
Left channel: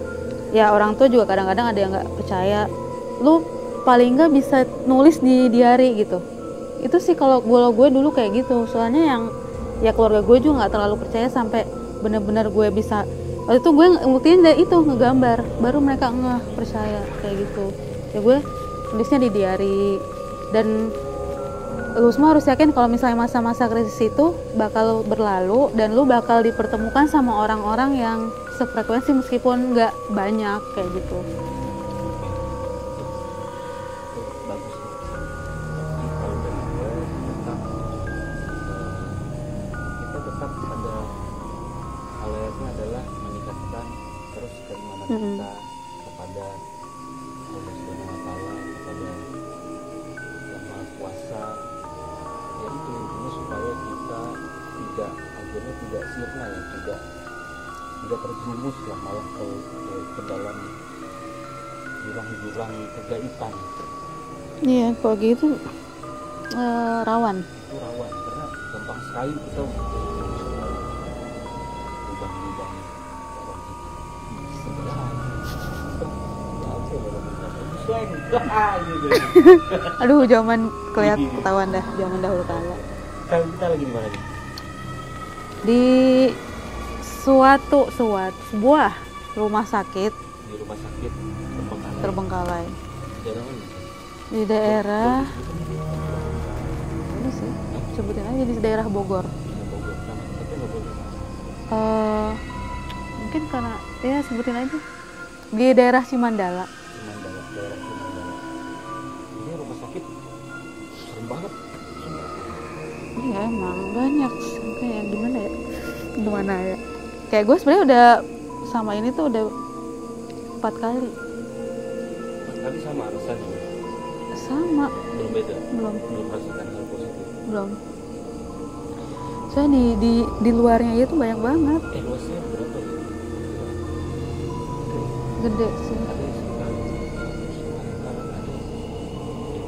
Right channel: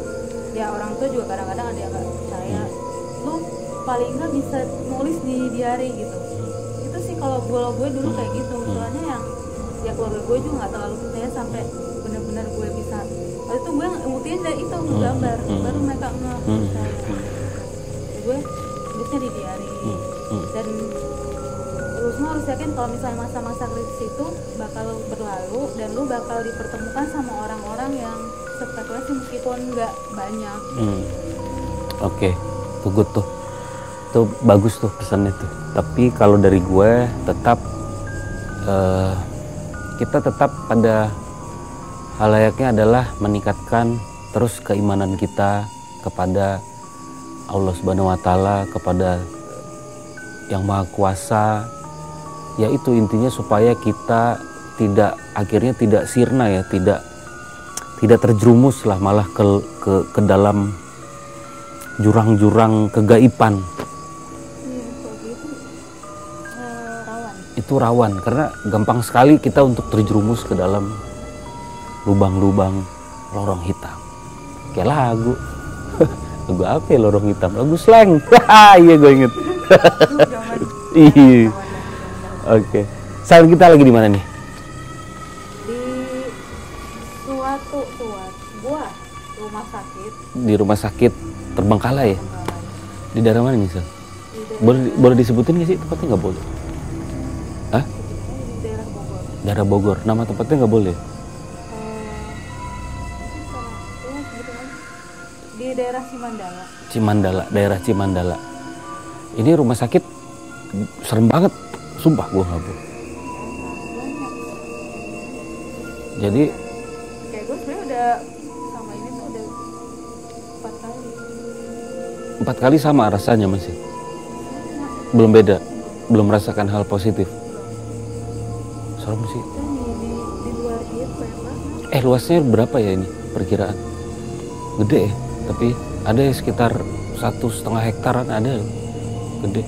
ya orang tua juga kadang-kadang ada yang nggak percaya, lu paling nggak bisa nulis di diary gitu. Itu sih kalau gue dulu kayak gitu, soalnya yang ya keluarga gue juga nggak terlalu percaya sampai bener-bener gue bisa. Waktu itu gue ngebuktiin dari itu ngegambar, baru mereka nggak percaya kayak gitu. Ya gue tulisnya di diary. Dan lu semua harus yakin kalau misalnya masa-masa krisis itu bakal berlalu, dan lu bakal dipertemukan sama orang-orang yang sefrekuensi meskipun nggak banyak kayak gitu. Oke, good tuh. Itu bagus tuh pesannya tuh. Tapi kalau dari gue tetap kita tetap pada hal layaknya adalah meningkatkan terus keimanan kita kepada Allah Subhanahu wa taala, kepada Yang Maha Kuasa. Ya itu intinya supaya kita akhirnya tidak sirna ya, tidak terjerumus lah malah ke dalam jurang-jurang kegaiban. Iya, kalau gitu rawan. Itu rawan karena gampang sekali kita untuk terjerumus ke dalam lubang-lubang lorong hitam. Kayak lagu. Lagu apa ya, lorong hitam? Lagu slang. Iya gue inget. Aduh, zaman ketahuan dah, zaman dahulu. Oke. Sekarang kita lagi di mana nih? Di sebuah rumah sakit. Di rumah sakit Terbengkalai. Terbengkalai. Di daerah mana nih, Sel? Di daerah. Boleh disebutin nggak sih tempatnya? Nggak boleh. Ini sih. Hah? Sebutin aja di daerah Bogor. Daerah Bogor. Nama tempatnya nggak boleh. Mungkin karena ya sebutin aja. Di daerah Cimandala. Daerah Cimandala. Ini rumah sakit serem banget, sumpah gue nggak. Iya, emang banyak. Kayak gimana ya? Jadi ya? Kayak gue sebenarnya udah sama ini tuh udah 4 kali. 4 kali sama rasanya masih? Sama. Belum beda? Belum merasakan hal positif? Belum. Serem sih. Soalnya di luarnya itu banyak banget. Luasnya berapa ya ini perkiraan? Gede ya? Tapi ada ya sekitar 1,5 hektaran ada ya? Gede.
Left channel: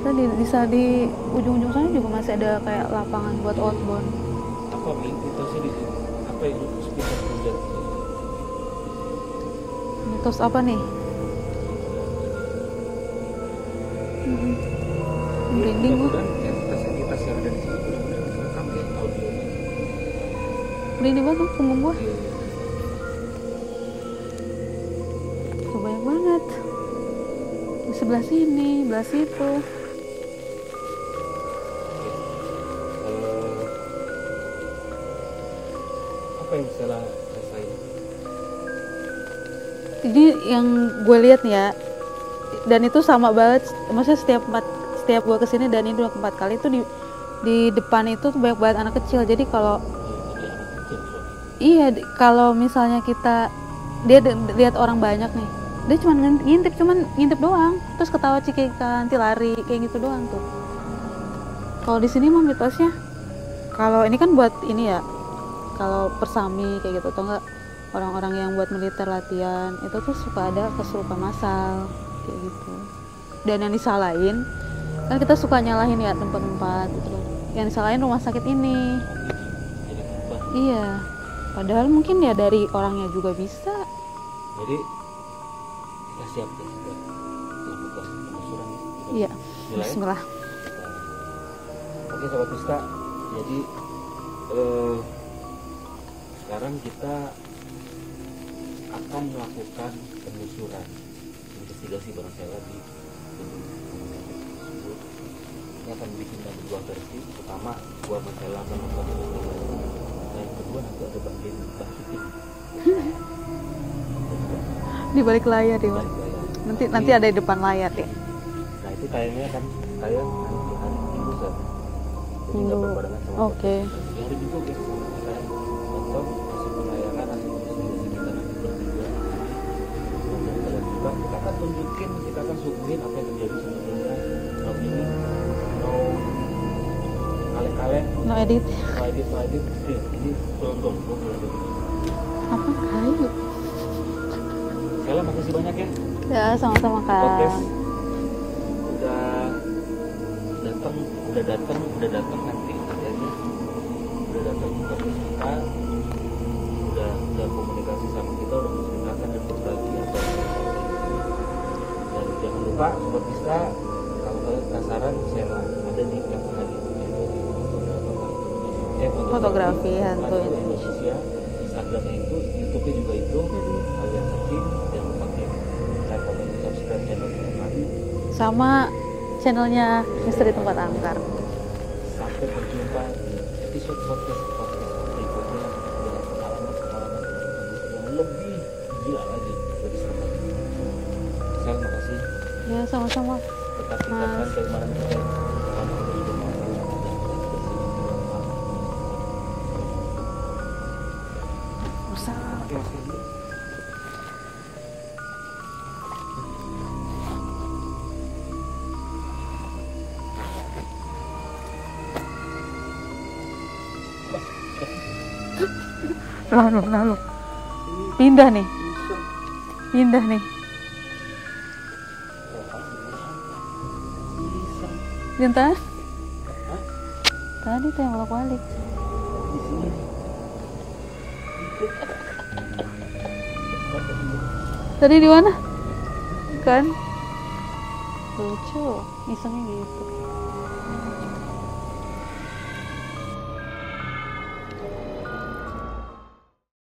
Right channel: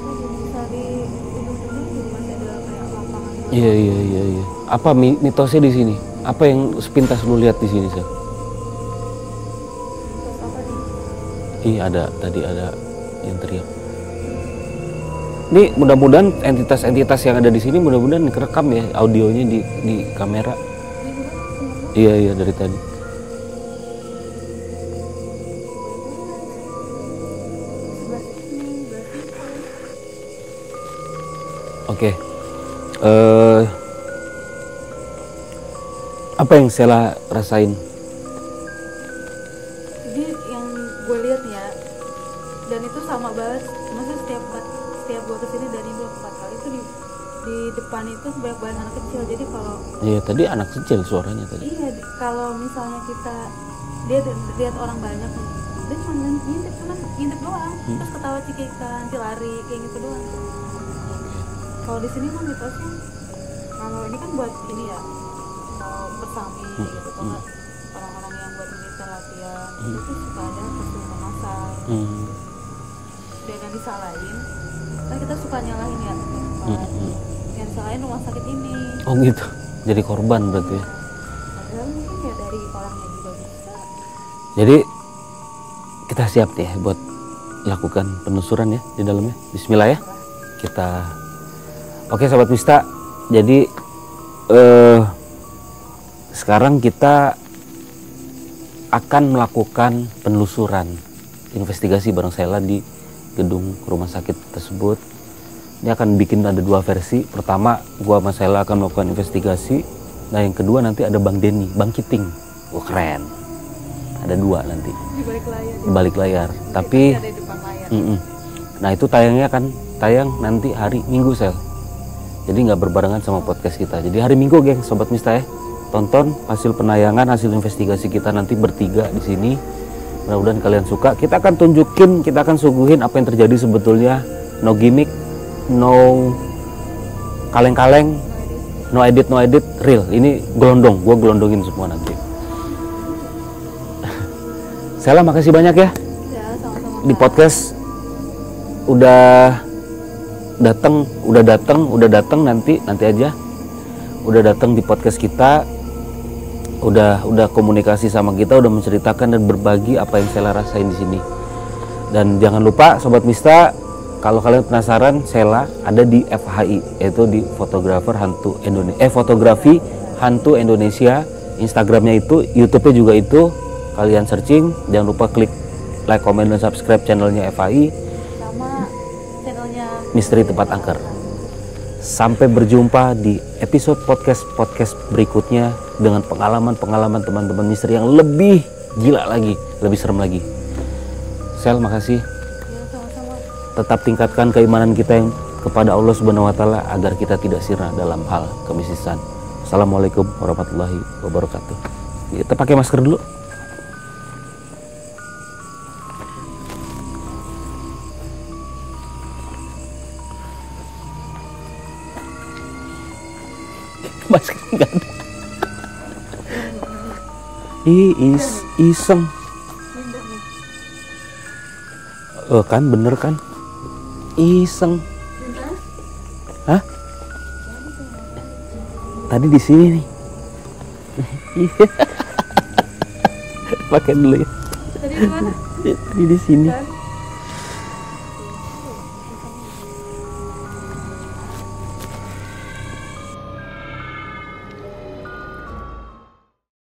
Tadi bisa di ujung-ujung sana juga masih ada kayak lapangan buat Iya. Apa mitosnya di sini? Apa yang sepintas lu lihat di sini, Sel? Terus apa nih? Tadi ada interior. Ini mudah-mudahan entitas-entitas yang ada di sini mudah-mudahan kerekam ya audionya di kamera. Ini juga kan temen gue. Iya dari tadi. Banyak banget. Di sebelah sini, sebelah situ. Oke. Apa yang Sela rasain? Jadi yang gue lihat nih ya, dan itu sama banget. Maksudnya setiap gue kesini, dan ini udah 4 kali itu di depan itu banyak banget anak kecil. Jadi kalau Iya tadi anak kecil suaranya tadi. iya, kalau misalnya dia lihat orang banyak nih, dia cuma ngintip doang, terus ketawa cikikan, nanti lari kayak gitu doang tuh. Kalau di sini mah mitosnya, kalau ini kan buat ini ya, kalau persami kayak gitu, atau enggak orang-orang yang buat militer latihan, itu tuh suka ada kesurupan massal, kayak gitu. Dan yang disalahin, kan kita suka nyalahin ya tempat-tempat, yang disalahin rumah sakit ini. Oh gitu, jadi korban berarti. Iya, padahal mungkin ya dari orangnya juga bisa. Jadi kita siap ya buat lakukan penelusuran ya di dalamnya. Bismillah ya. Bismillah. Kita oke Sobat Mista, jadi sekarang kita akan melakukan penelusuran investigasi bareng Sheila di gedung rumah sakit tersebut. Ini akan bikin ada 2 versi. Pertama, gua sama Sheila akan melakukan investigasi. Nah, yang kedua nanti ada Bang Denny, Bang Kiting. Oh, keren. Ada 2 nanti. Di balik layar. Di balik layar. Nanti ada di depan layar. Nah, itu tayangnya kan tayang nanti hari Minggu, Sel. Jadi nggak berbarengan sama podcast kita. Jadi hari Minggu, geng, Sobat Mista ya. Tonton hasil penayangan, hasil investigasi kita nanti bertiga di sini. Mudah-mudahan kalian suka. Kita akan tunjukin, kita akan suguhin apa yang terjadi sebetulnya. No gimmick, no kaleng-kaleng, no edit, real. Ini gelondong, gue gelondongin semua nanti. Sheila, makasih banyak ya. Ya, sama-sama. Di podcast udah datang nanti aja. Udah datang di podcast kita. Udah komunikasi sama kita, udah menceritakan dan berbagi apa yang Sheila rasain di sini. Dan jangan lupa Sobat Mista, kalau kalian penasaran, Sheila ada di FHI, yaitu di fotografi hantu Indonesia. Instagramnya itu, YouTube-nya juga itu. Kalian searching, jangan lupa klik like, comment, dan subscribe channelnya FHI sama channelnya Misteri Tempat Angker. Sampai berjumpa di episode podcast berikutnya dengan pengalaman teman-teman misteri yang lebih gila lagi, lebih serem lagi. Sel, makasih. Ya, sama-sama. Tetap tingkatkan keimanan kita yang kepada Allah Subhanahu wa taala agar kita tidak sirna dalam hal kemisisan. Assalamualaikum warahmatullahi wabarakatuh. Kita pakai masker dulu. Masker enggak ada. Lalu. Indah nih. Iseng. Indah nih. Kan bener kan? Iseng. Cinta? Hah? Tadi saya bolak-balik. Tadi di sini nih. Pakai dulu ya. Tadi di mana? Di sini. Kan? Lucu. Isengnya gitu.